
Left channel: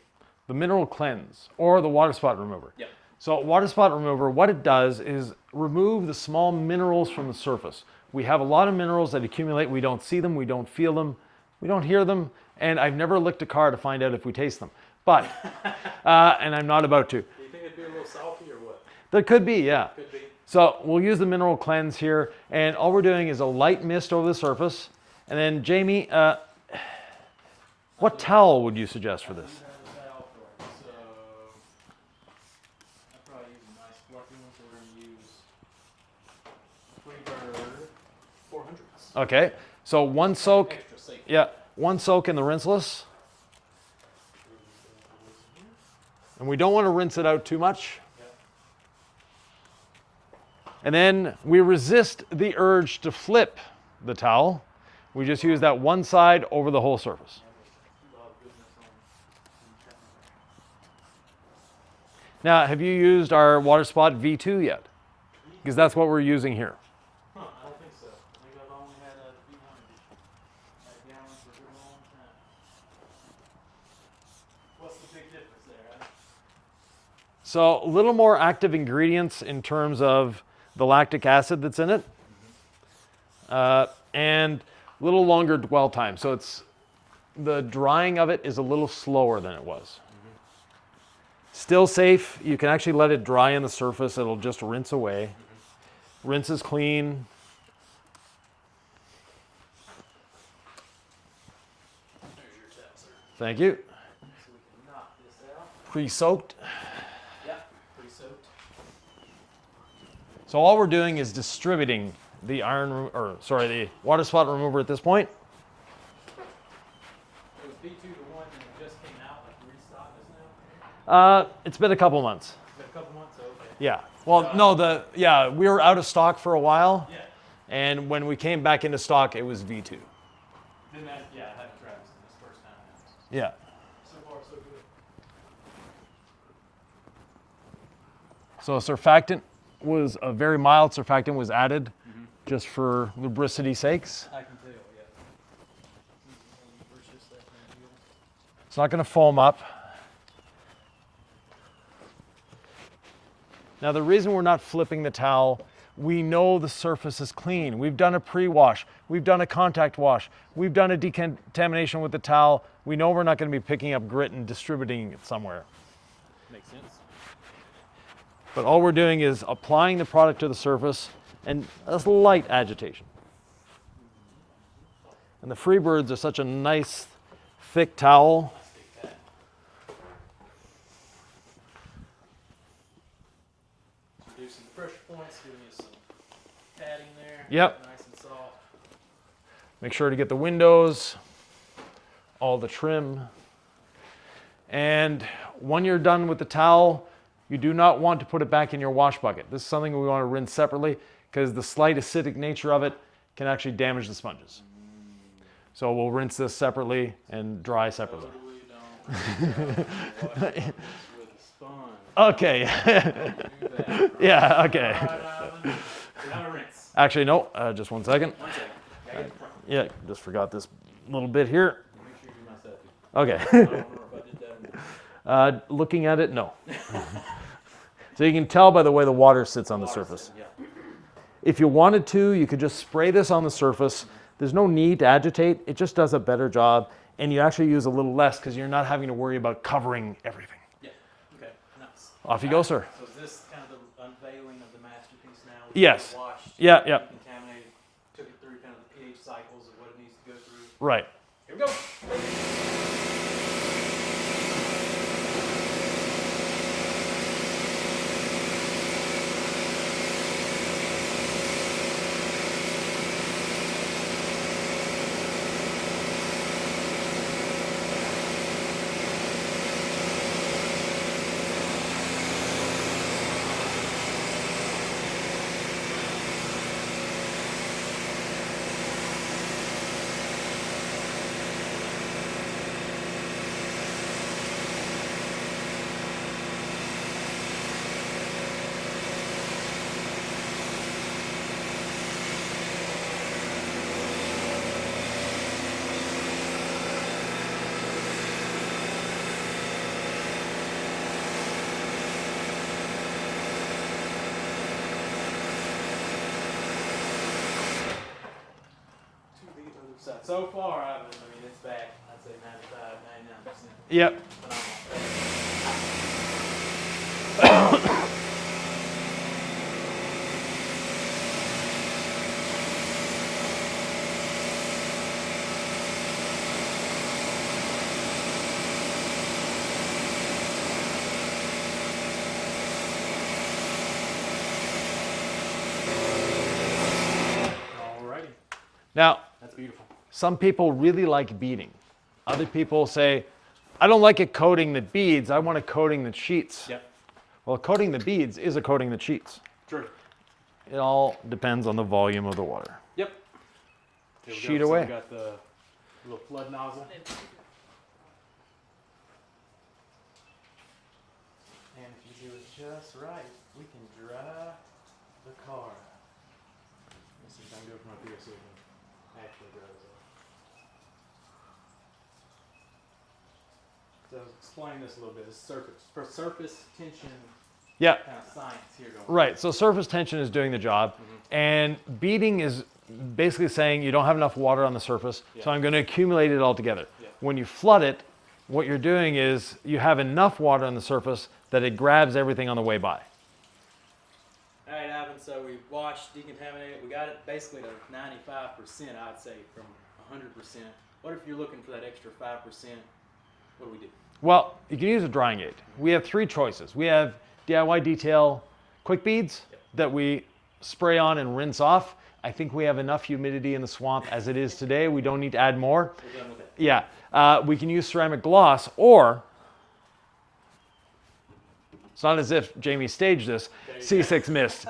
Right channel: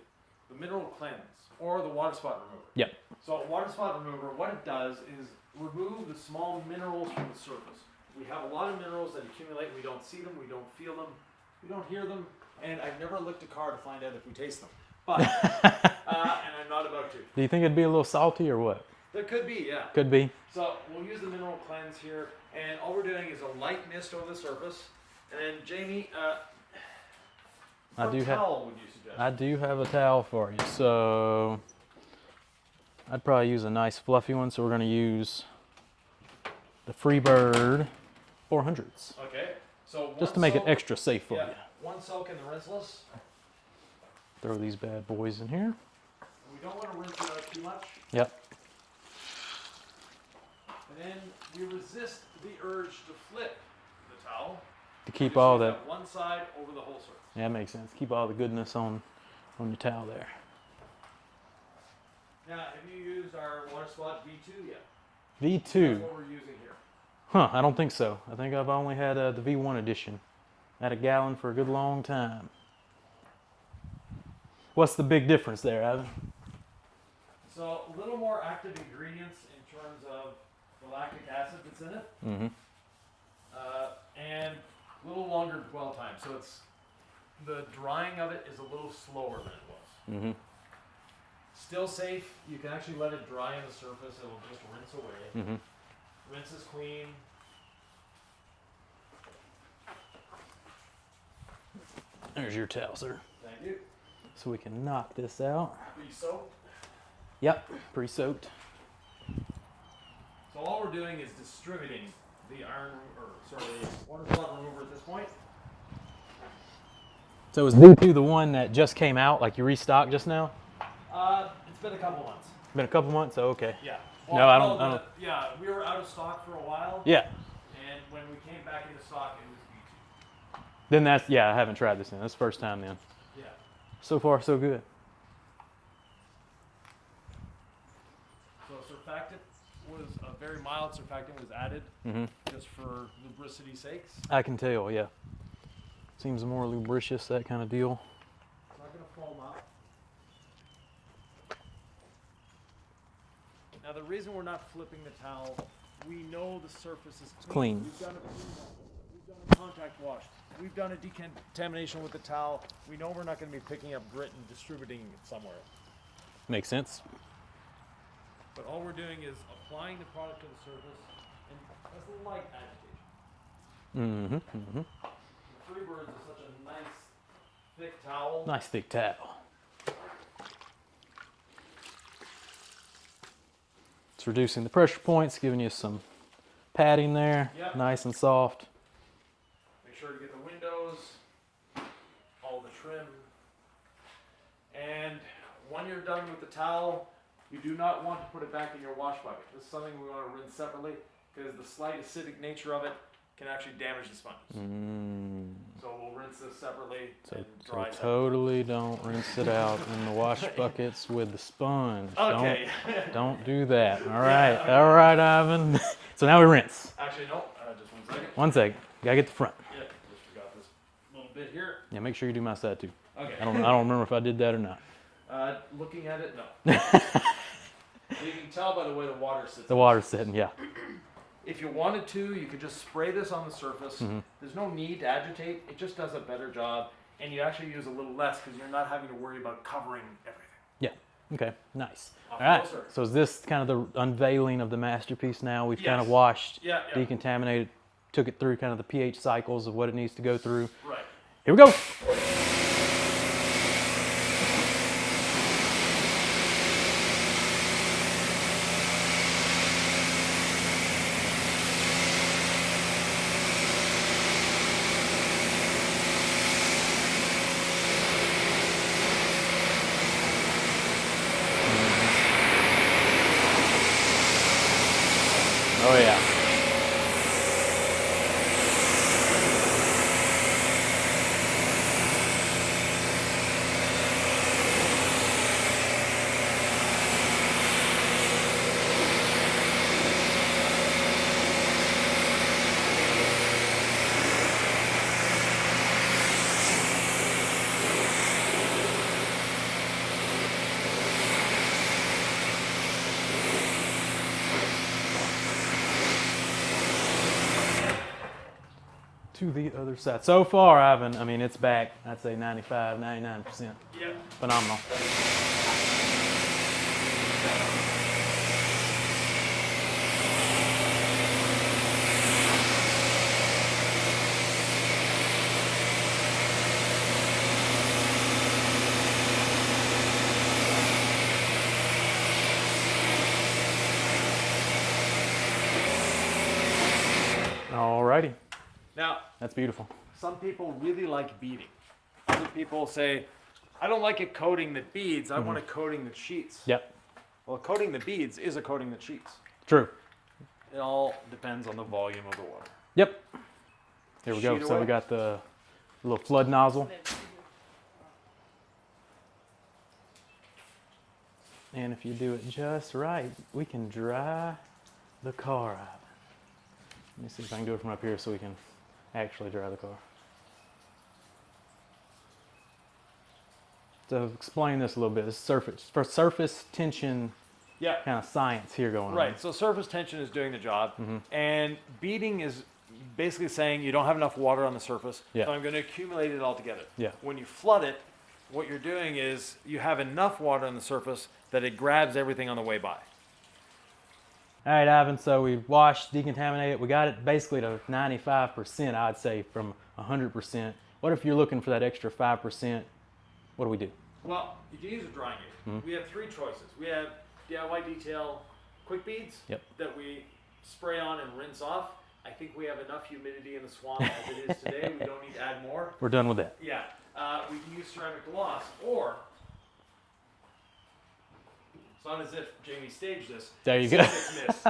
The mineral cleanse or the water spot remover. Yep. So water spot remover, what it does is remove the small minerals from the surface. We have a lot of minerals that accumulate. We don't see them, we don't feel them, we don't hear them, and I've never licked a car to find out if we taste them. But, and I'm not about to. Do you think it'd be a little salty or what? There could be, yeah. Could be. So we'll use the mineral cleanse here, and all we're doing is a light mist over the surface. And then Jamie, what towel would you suggest for I this? do have a towel for you. So I'd probably use a nice fluffy one. So we're going to use the Freebird 400s. Okay, so one Just to soak. make it extra safe for Yeah, you. one soak in the Rinseless. Throw these bad boys in here. And we don't want to rinse it out too much. Yep. And then we resist the urge to flip the towel. We keep just all use that one side over the whole surface. Yeah, that makes sense. Keep all the goodness on your towel there. Now, have you used our Water Spot V2 yet? V2. Because that's what we're using here. Huh, I don't think so. I think I've only had the V1 edition. At a gallon for a good long time. What's the big difference there, Ivan? So a little more active ingredients in terms of the lactic acid that's in it. And a little longer dwell time. So the drying of it is a little slower than it was. Still safe. You can actually let it dry on the surface. It'll just rinse away. Rinse is clean. There's your towel, sir. Thank you. So we can knock this out. Pre-soaked. Yep, pre-soaked. So all we're doing is distributing the the water spot remover at this point. So is V2 the one that just came out, like you restocked just now? It's been a couple months. Been a couple months? Oh, okay. Yeah. Well, No, we were out of stock for a while. Yeah. And when we came back into stock, it was V2. Then I haven't tried this then. That's the first time then. Yeah. So far, so good. So surfactant was a very mild surfactant was added just for lubricity sakes. I can tell, yeah. Seems more lubricious, that kind of deal. It's not going to foam up. Now the reason we're not flipping the towel, we know the surface is clean. We've done a pre-wash. We've done a contact wash. We've done a decontamination with the towel. We know we're not going to be picking up grit and distributing it somewhere. Makes sense. But all we're doing is applying the product to the surface and a light agitation. And the Freebirds are such a nice, thick towel. Nice thick towel. It's reducing the pressure points, giving you some padding there. Yep. Nice and soft. Make sure to get the windows, all the trim. And when you're done with the towel, you do not want to put it back in your wash bucket. This is something we want to rinse separately because the slight acidic nature of it can actually damage the sponges. So we'll rinse this separately and dry separately. Totally don't rinse it out in the wash buckets with the sponge. Okay. Don't do that. All right. Yeah, okay. All right, Ivan. So now we rinse. Actually, no, just 1 second. 1 second. Gotta get the front. Yeah, just forgot this little bit here. Yeah, make sure you do my side too. Okay. I don't remember if I did that or not. Looking at it, no. So you can tell by the way the water sits on the Water surface. sitting, yeah. If you wanted to, you could just spray this on the surface. There's no need to agitate. It just does a better job. And you actually use a little less because you're not having to worry about covering everything. Yeah. Okay. Nice. Off you All go, right. sir. So is this kind of the unveiling of the masterpiece now? We've Yes. kind of washed, Yeah. decontaminated, took it through kind of the pH cycles of what it needs to go through. Right. Here we go. Oh yeah. to the other side. So far, Ivan, I mean, it's back, I'd say 95, 99%. Yep. Phenomenal. Alrighty, Now, that's beautiful. some people really like beading. Other people say, I don't like it coating the beads, I want it coating the sheets. Yep, Well, coating the beads is a coating the sheets. true. It all depends on the volume of the water. Yep. Here we go. Sheet So away. we got the little flood nozzle. And if you do it just right, we can dry the car out. Let me see if I can do it from up here so we can actually dry the car. So explain this a little bit. This is surface tension Yeah, kind of science here going on. right. So surface tension is doing the job, and beading is basically saying you don't have enough water on the surface, Yeah. so I'm going to accumulate it all together. Yeah. When you flood it, what you're doing is you have enough water on the surface that it grabs everything on the way by. All right, Ivan, so we washed, decontaminated. We got it basically to 95%, I'd say, from 100%. What if you're looking for that extra 5%? What do we do? Well, you can use a drying aid. We have three choices. We have DIY detail quick beads Yep. that we spray on and rinse off. I think we have enough humidity in the swamp as it is today. We don't need to add more. We're done with that. Yeah, we can use ceramic gloss, or it's not as if Jamie staged this. There you go. C6 mist.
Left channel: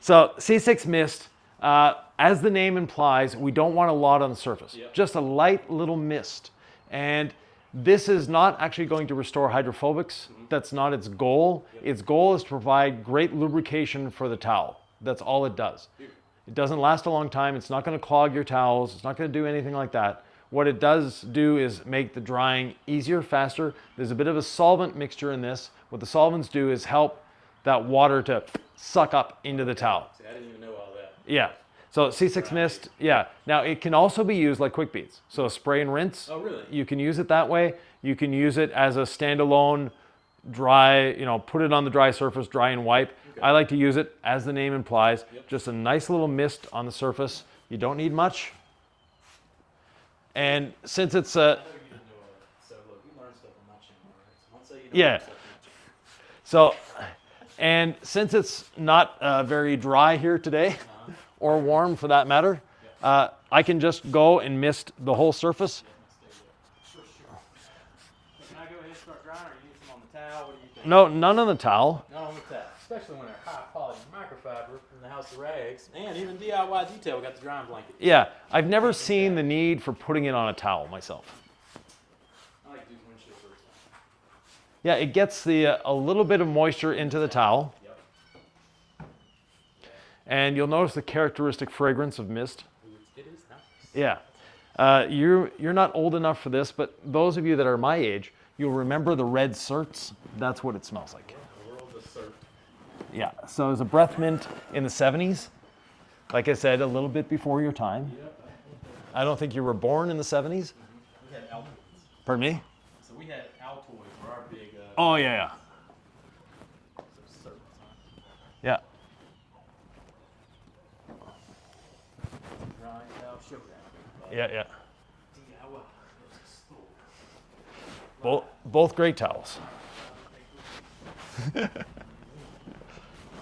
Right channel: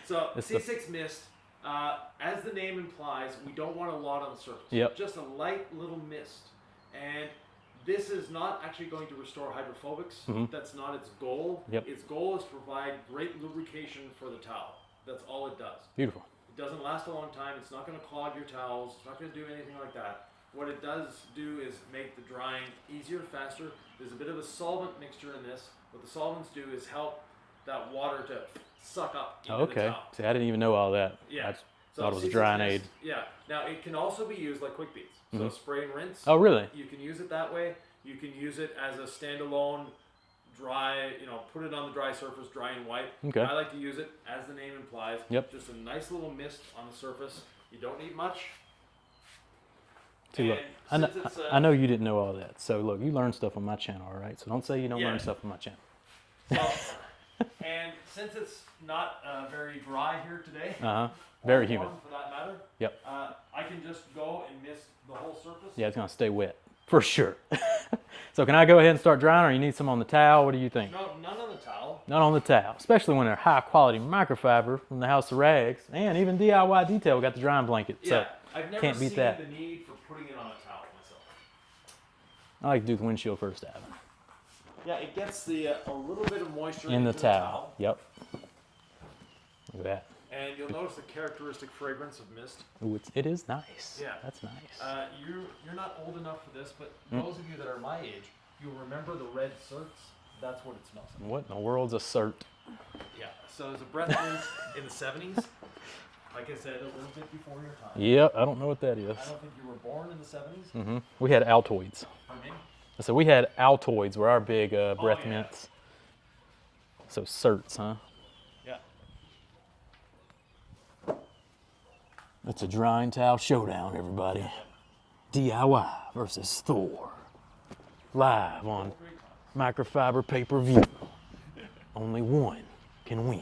So the C6 mist, as the name implies, we don't want a lot on the surface. Yep. Just a light little mist. And this is not actually going to restore hydrophobics. That's not its goal. Yep. Its goal is to provide great lubrication for the towel. That's all it does. Beautiful. It doesn't last a long time. It's not going to clog your towels. It's not going to do anything like that. What it does do is make the drying easier, faster. There's a bit of a solvent mixture in this. What the solvents do is help that water to suck up into the Okay. towel. See, I didn't even know all that. Yeah. So Thought it was C6 drying mist, aid. yeah. Now it can also be used like quick beads. So spray and rinse. Oh, really? You can use it that way. You can use it as a standalone dry, put it on the dry surface, dry and wipe. Okay. I like to use it as the name implies. Yep. Just a nice little mist on the surface. You don't need much. And since it's I know you didn't know all that. So look, you learn stuff on my channel, all right? So don't say you don't Yeah. learn stuff on my channel. so, and since it's not very dry here today, or Very warm for that matter, Yep. I can just go and mist the whole surface. Yeah, it's gonna stay wet for sure. So can I go ahead and start drying, or you need some on the towel? What do you think? No, none on the towel. None on the towel, especially when they're high quality microfiber from the House of Rags, and even DIY Detail got the drying blanket. So Yeah, I've never can't beat seen that. the need for putting it on a towel myself. I like to do the windshield first, Adam. Yeah, it gets the a little bit of moisture In into the towel, Yep. Look at that. and you'll notice the characteristic fragrance of mist. Ooh, it is nice. Yeah. That's nice. You're not old enough for this, but those of you that are my age, you'll remember the red certs. That's what it smells like. What in the world's a cert? Yeah. So it was a breath mint in the 70s. Like I said, a little bit before your time. Yep, I don't know what that is. I don't think you were born in the 70s. We had Altoids. Pardon me? So we had Altoids were our big breath Oh, yeah. mints. So certs, huh? Yeah. It's a drying towel showdown, everybody. Yeah, yeah. DIY versus Thor. Live on Both great towels. microfiber pay-per-view. Only one can win.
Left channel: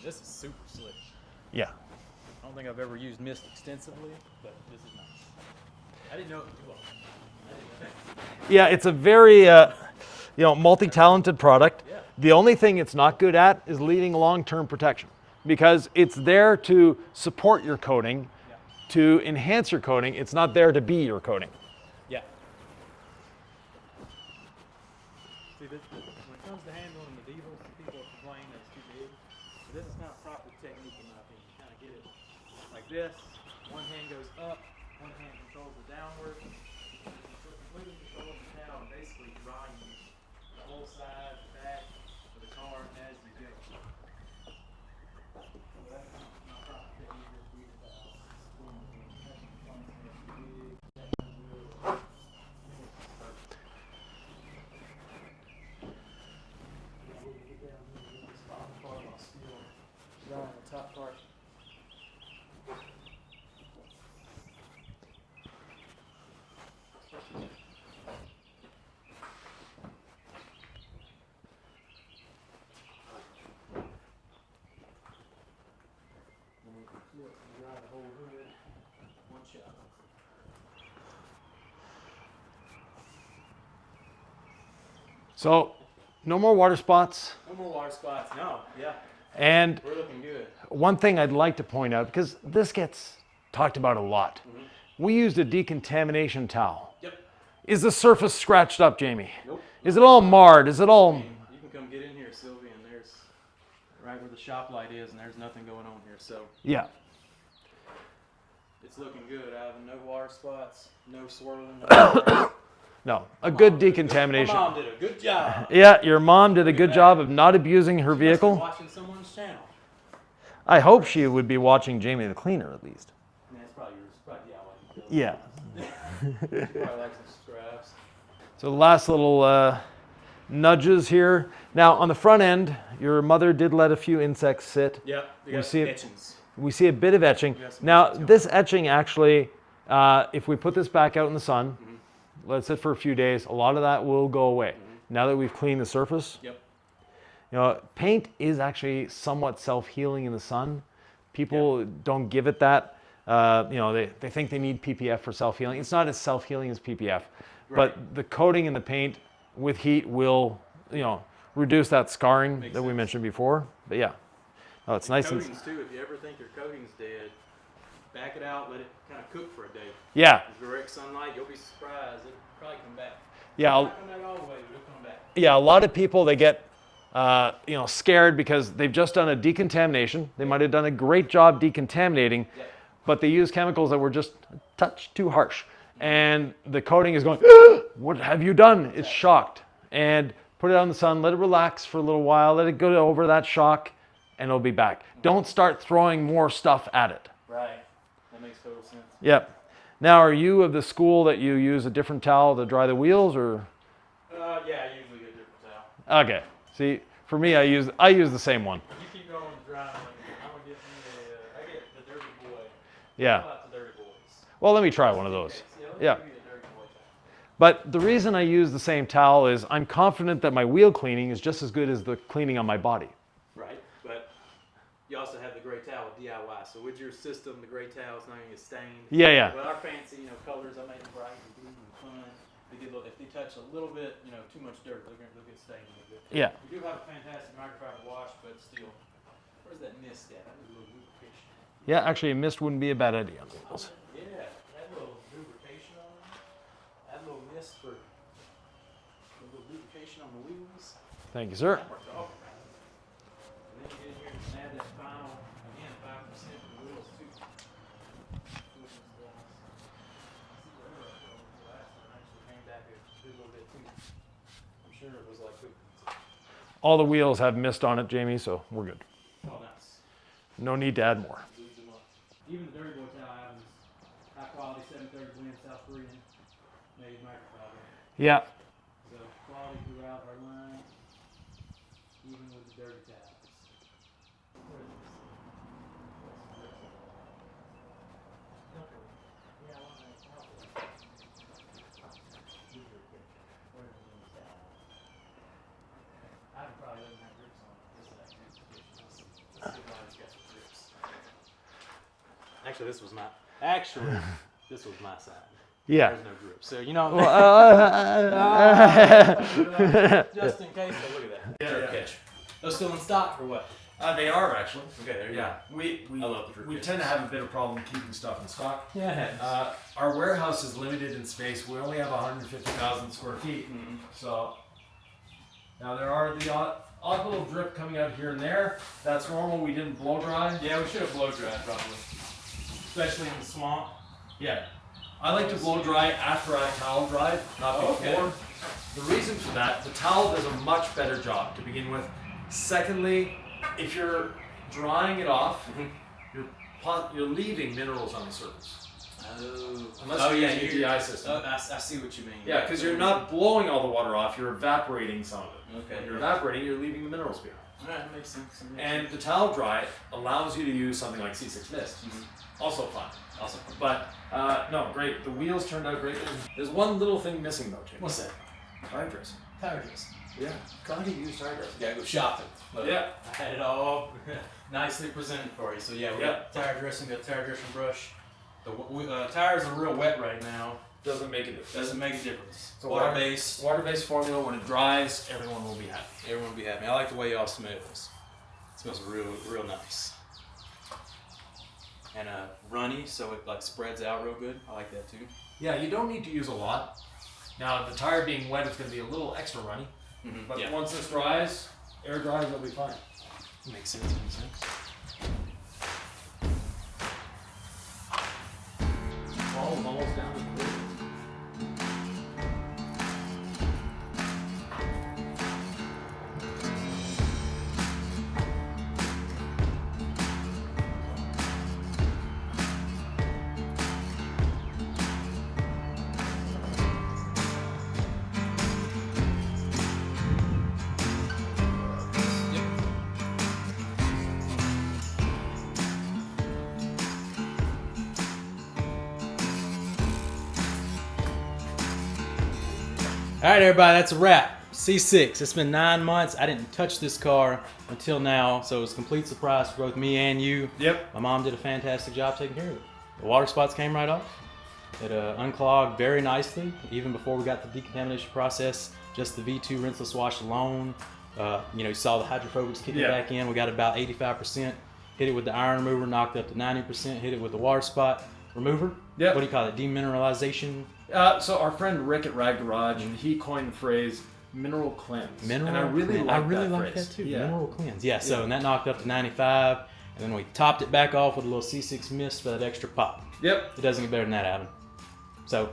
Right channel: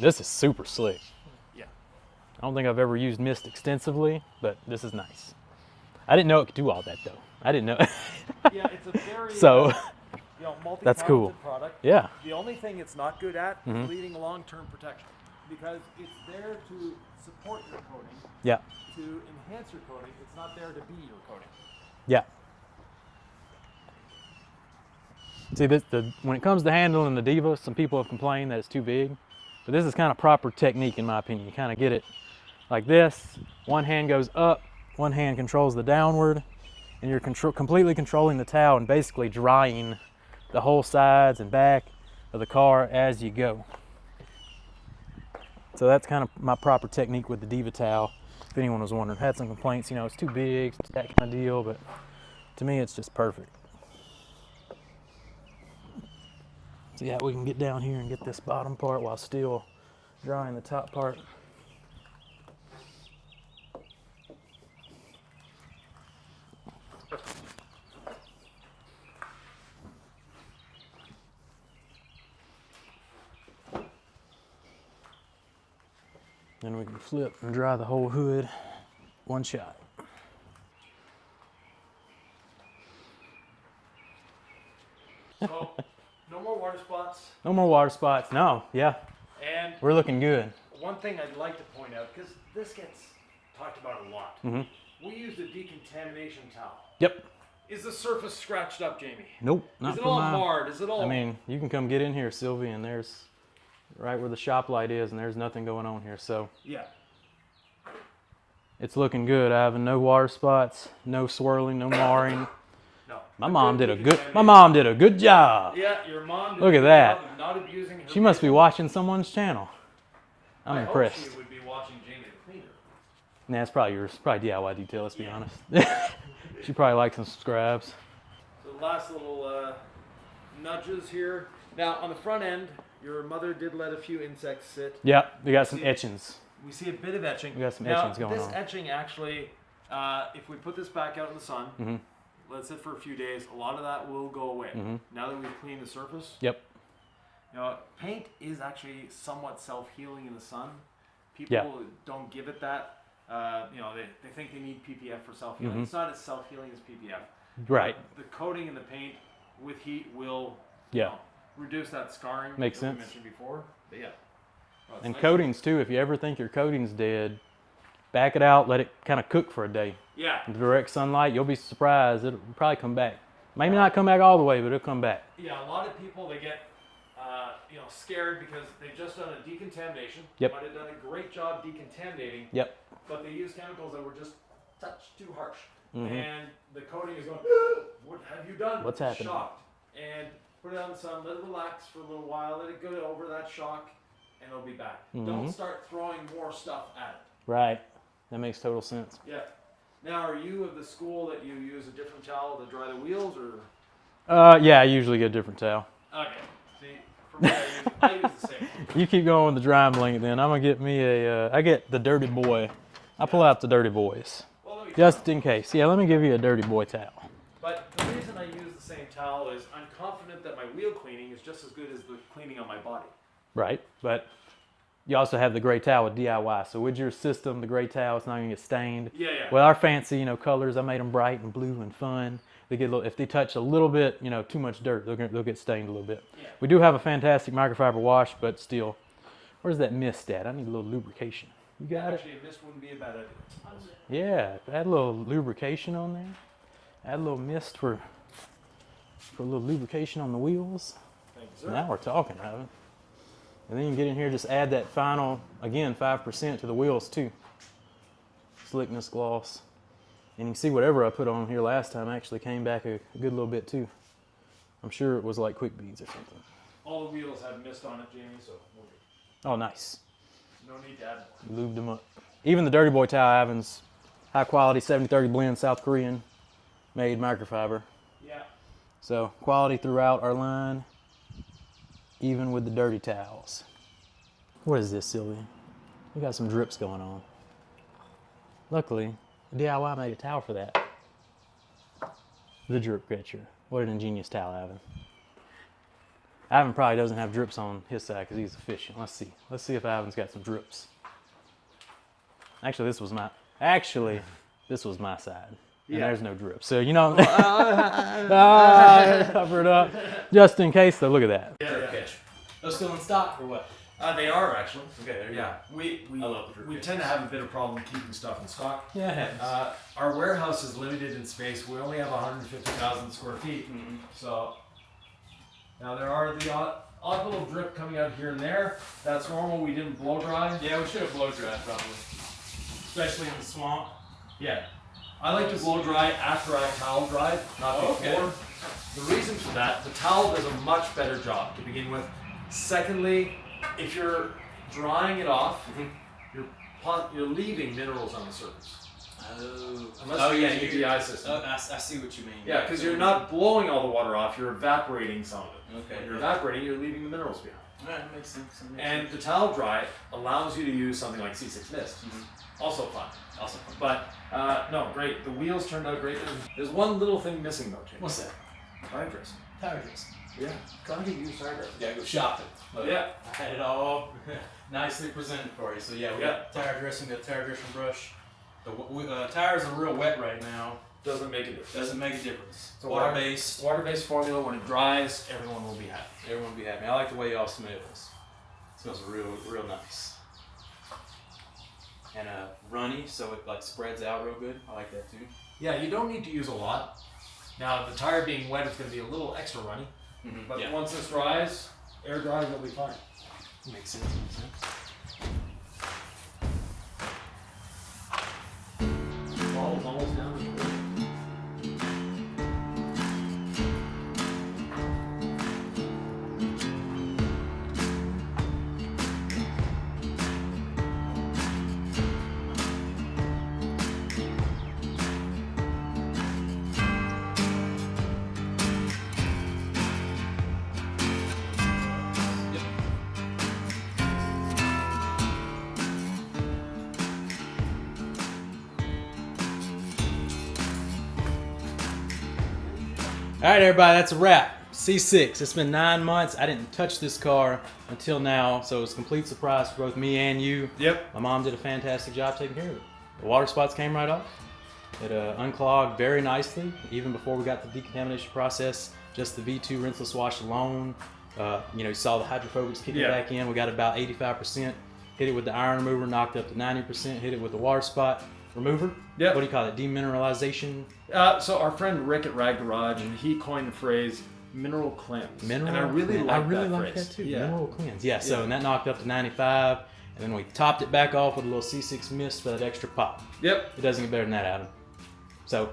This is super slick. Yeah. I don't think I've ever used mist extensively, but this is nice. I didn't know it could do all that though. I didn't know. Yeah, it's a very So- multi-talented cool. product. Yeah. The only thing it's not good at is leading long-term protection, because it's there to support your coating, Yeah. to enhance your coating. It's not there to be your coating. Yeah. See, when it comes to handling the Diva, some people have complained that it's too big. But this is kind of proper technique in my opinion. You kind of get it like this. One hand goes up, one hand controls the downward, and you're completely controlling the towel and basically drying the whole sides and back of the car as you go. So that's kind of my proper technique with the Diva towel. If anyone was wondering, had some complaints, you know, it's too big, that kind of deal, but to me it's just perfect. So yeah, we can get down here and get this bottom part while still drying the top part. Then we can flip and dry the whole hood one shot. So, no more water spots. No more water spots. No, yeah, And we're looking good. one thing I'd like to point out, because this gets talked about a lot, we used a decontamination towel. Yep. Is the surface scratched up, Jamie? Nope. Is it all marred? Is it all... I mean, you can come get in here, Sylvie, and there's right where the shop light is, and there's nothing going on here. So Yeah. it's looking good, Ivan. No water spots, no swirling, no marring. No, My a mom good did decontamination. My mom did a good job. Yeah, your mom did Look a at good that. job of not abusing her She must be vehicle. watching someone's channel. I hope impressed. she would be watching Jamie the Cleaner at least. Nah, it's probably yours. Probably DIY detail, let's Yeah. be honest. She probably likes and subscribes. So the last little nudges here. Now on the front end, your mother did let a few insects sit. Yep, we got see some it? etchings. We see a bit of etching. got some Now etchings going this on. etching actually, if we put this back out in the sun, let it sit for a few days, a lot of that will go away. Now that we've cleaned the surface, Yep. you know, paint is actually somewhat self-healing in the sun. People don't give it that. You know, they think they need PPF for self-healing. It's not as self-healing as PPF. Right. But the coating in the paint with heat will, you Yeah. know, reduce that scarring Makes that we sense. mentioned before. But yeah, oh, it's And nice. coatings too. If you ever think your coating's dead, back it out, let it kind of cook for a day. Yeah, In direct sunlight, you'll be surprised. It'll probably come back. Might Yeah, not come back all the way, but it'll come back. yeah. A lot of people they get, you know, scared because they've just done a decontamination. They Yep. might have done a great job decontaminating. Yep. But they use chemicals that were just a touch too harsh. And the coating is going, what have you done? It's happened? shocked. And put it out in the sun, let it relax for a little while, let it go over that shock, and it'll be back. Don't start throwing more stuff at it. Right. That makes total sense. Yep. Now, are you of the school that you use a different towel to dry the wheels, or? Yeah, I usually get a different towel. Okay. See, for me, I use the same one. You keep going with the drying blanket then. I'm going to get me I get the Dirty Boy. I Yeah. pull out the Dirty Boys. Well, let me try Just one of in those. case. Yeah, let me Yeah. give you a Dirty Boy towel. But the reason I use the same towel is I'm confident that my wheel cleaning is just as good as the cleaning on my body. Right. But you also have the gray towel with DIY. So with your system, the gray towel, it's not going to get stained. Yeah, yeah. Well, our fancy, colors, I made them bright and blue and fun. They get a little, if they touch a little bit, too much dirt, they'll get stained a little bit. Yeah. We do have a fantastic microfiber wash, but still, where's that mist at? I need a little lubrication. Yeah, actually, a mist wouldn't be a bad idea. Yeah, add a little lubrication on there. Add a little mist for a little lubrication on the wheels. Thank you, sir. Now we're talking, Ivan. And then you get in here, just add that final, again, 5% to the wheels too. Slickness gloss. And you can see whatever I put on here last time actually came back a good little bit too. I'm sure it was like quick beads or something. All the wheels have mist on it, Jamie, so we're good. Oh, nice. No need to add more. Lubed them up. Even the Dirty Boy towel, Ivan's high quality 70-30 blend South Korean made microfiber. Yeah. So quality throughout our line, even with the dirty towels. What is this, Sylvia? We got some drips going on. Luckily, DIY made a towel for that. The drip catcher. What an ingenious towel, Ivan. Ivan probably doesn't have drips on his side because he's efficient. Let's see. Let's see if Ivan's got some drips. Actually, this was my side. Yeah. There's no drip. So, cover it up. Just in case, though, look at that. Yeah. Drip catcher. Those still in stock or what? They are actually. Okay, there you Yeah, we I love the drip we catchers. tend to have a bit of problem keeping stuff in stock. go. Yeah. Our warehouse is limited in space. We only have 150,000 square feet. So now there are the odd little drip coming out here and there. That's normal. We didn't blow dry. Yeah, we should have blow dried probably. Especially in the swamp. Yeah. I like to blow dry after I towel dried, not Oh, before. okay. The reason for that, the towel does a much better job to begin with. Secondly, if you're drying it off, you're leaving minerals on the surface. Unless you're using a DI system. I see what you mean. Yeah, because you're not blowing all the water off, you're evaporating some of it. Okay. When you're evaporating, you're leaving the minerals behind. All right, that makes sense. And the towel dry allows you to use something like C6 Mist. Also fun. But no, great. The wheels turned out great. There's one little thing missing though, James. What's that? Tire dressing. Tire dressing. Yeah. Gotta use tire dressing. Gotta go shopping. Look, Yeah. I had it all nicely presented for you. So yeah, we got tire dressing, got tire dressing brush. The tires are real wet right now. Doesn't make a difference. Doesn't make a difference. It's a water-based. Water-based formula. When it dries, everyone will be happy. Everyone will be happy. I like the way y'all smell this. It smells real nice. And runny, so it like spreads out real good. I like that too. Yeah, you don't need to use a lot. Now, the tire being wet is going to be a little extra runny. But once this dries, air dries, it'll be fine. Makes sense. Ball is almost down to the river. All right, everybody, that's a wrap. C6. It's been 9 months. I didn't touch this car until now, so it was a complete surprise for both me and you. Yep. My mom did a fantastic job taking care of it. The water spots came right off. It unclogged very nicely, even before we got the decontamination process. Just the V2 rinseless wash alone. You saw the hydrophobics kicking back in. We got about 85%. Hit it with the iron remover, knocked up to 90%. Hit it with the water spot remover. Yep. What do you call it? Demineralization. So our friend Rick at Rag Garage, he coined the phrase mineral cleanse. Mineral and I really cleanse. like that too. Yeah. Mineral cleanse. Yeah. So and that knocked up to 95, and then we topped it back off with a little C6 Mist for that extra pop. Yep. It doesn't get better than that, Adam. So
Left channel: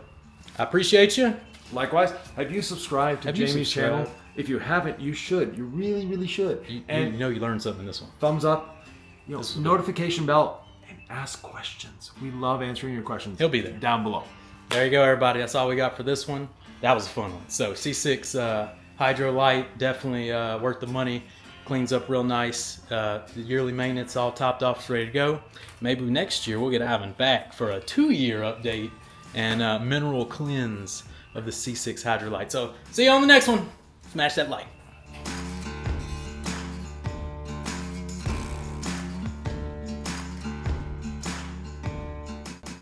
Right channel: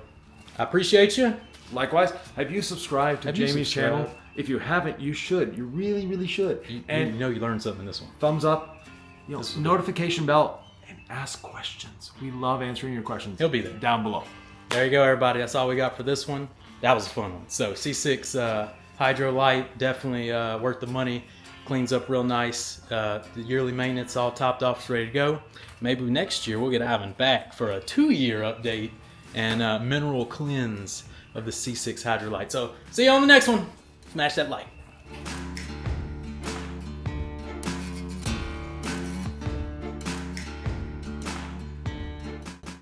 I appreciate you. Likewise, have you subscribed to Jamie's channel? If you haven't, you should. You really should. You you learned something in this one. Thumbs up, notification bell, and ask questions. We love answering your questions. He'll be there. Down below. There you go, everybody. That's all we got for this one. That was a fun one. So C6 Hydro Lite, definitely worth the money. Cleans up real nice. The yearly maintenance all topped off, it's ready to go. Maybe next year we'll get Ivan back for a 2-year update and mineral cleanse of the C6 Hydro Lite. So see you on the next one. Smash that like.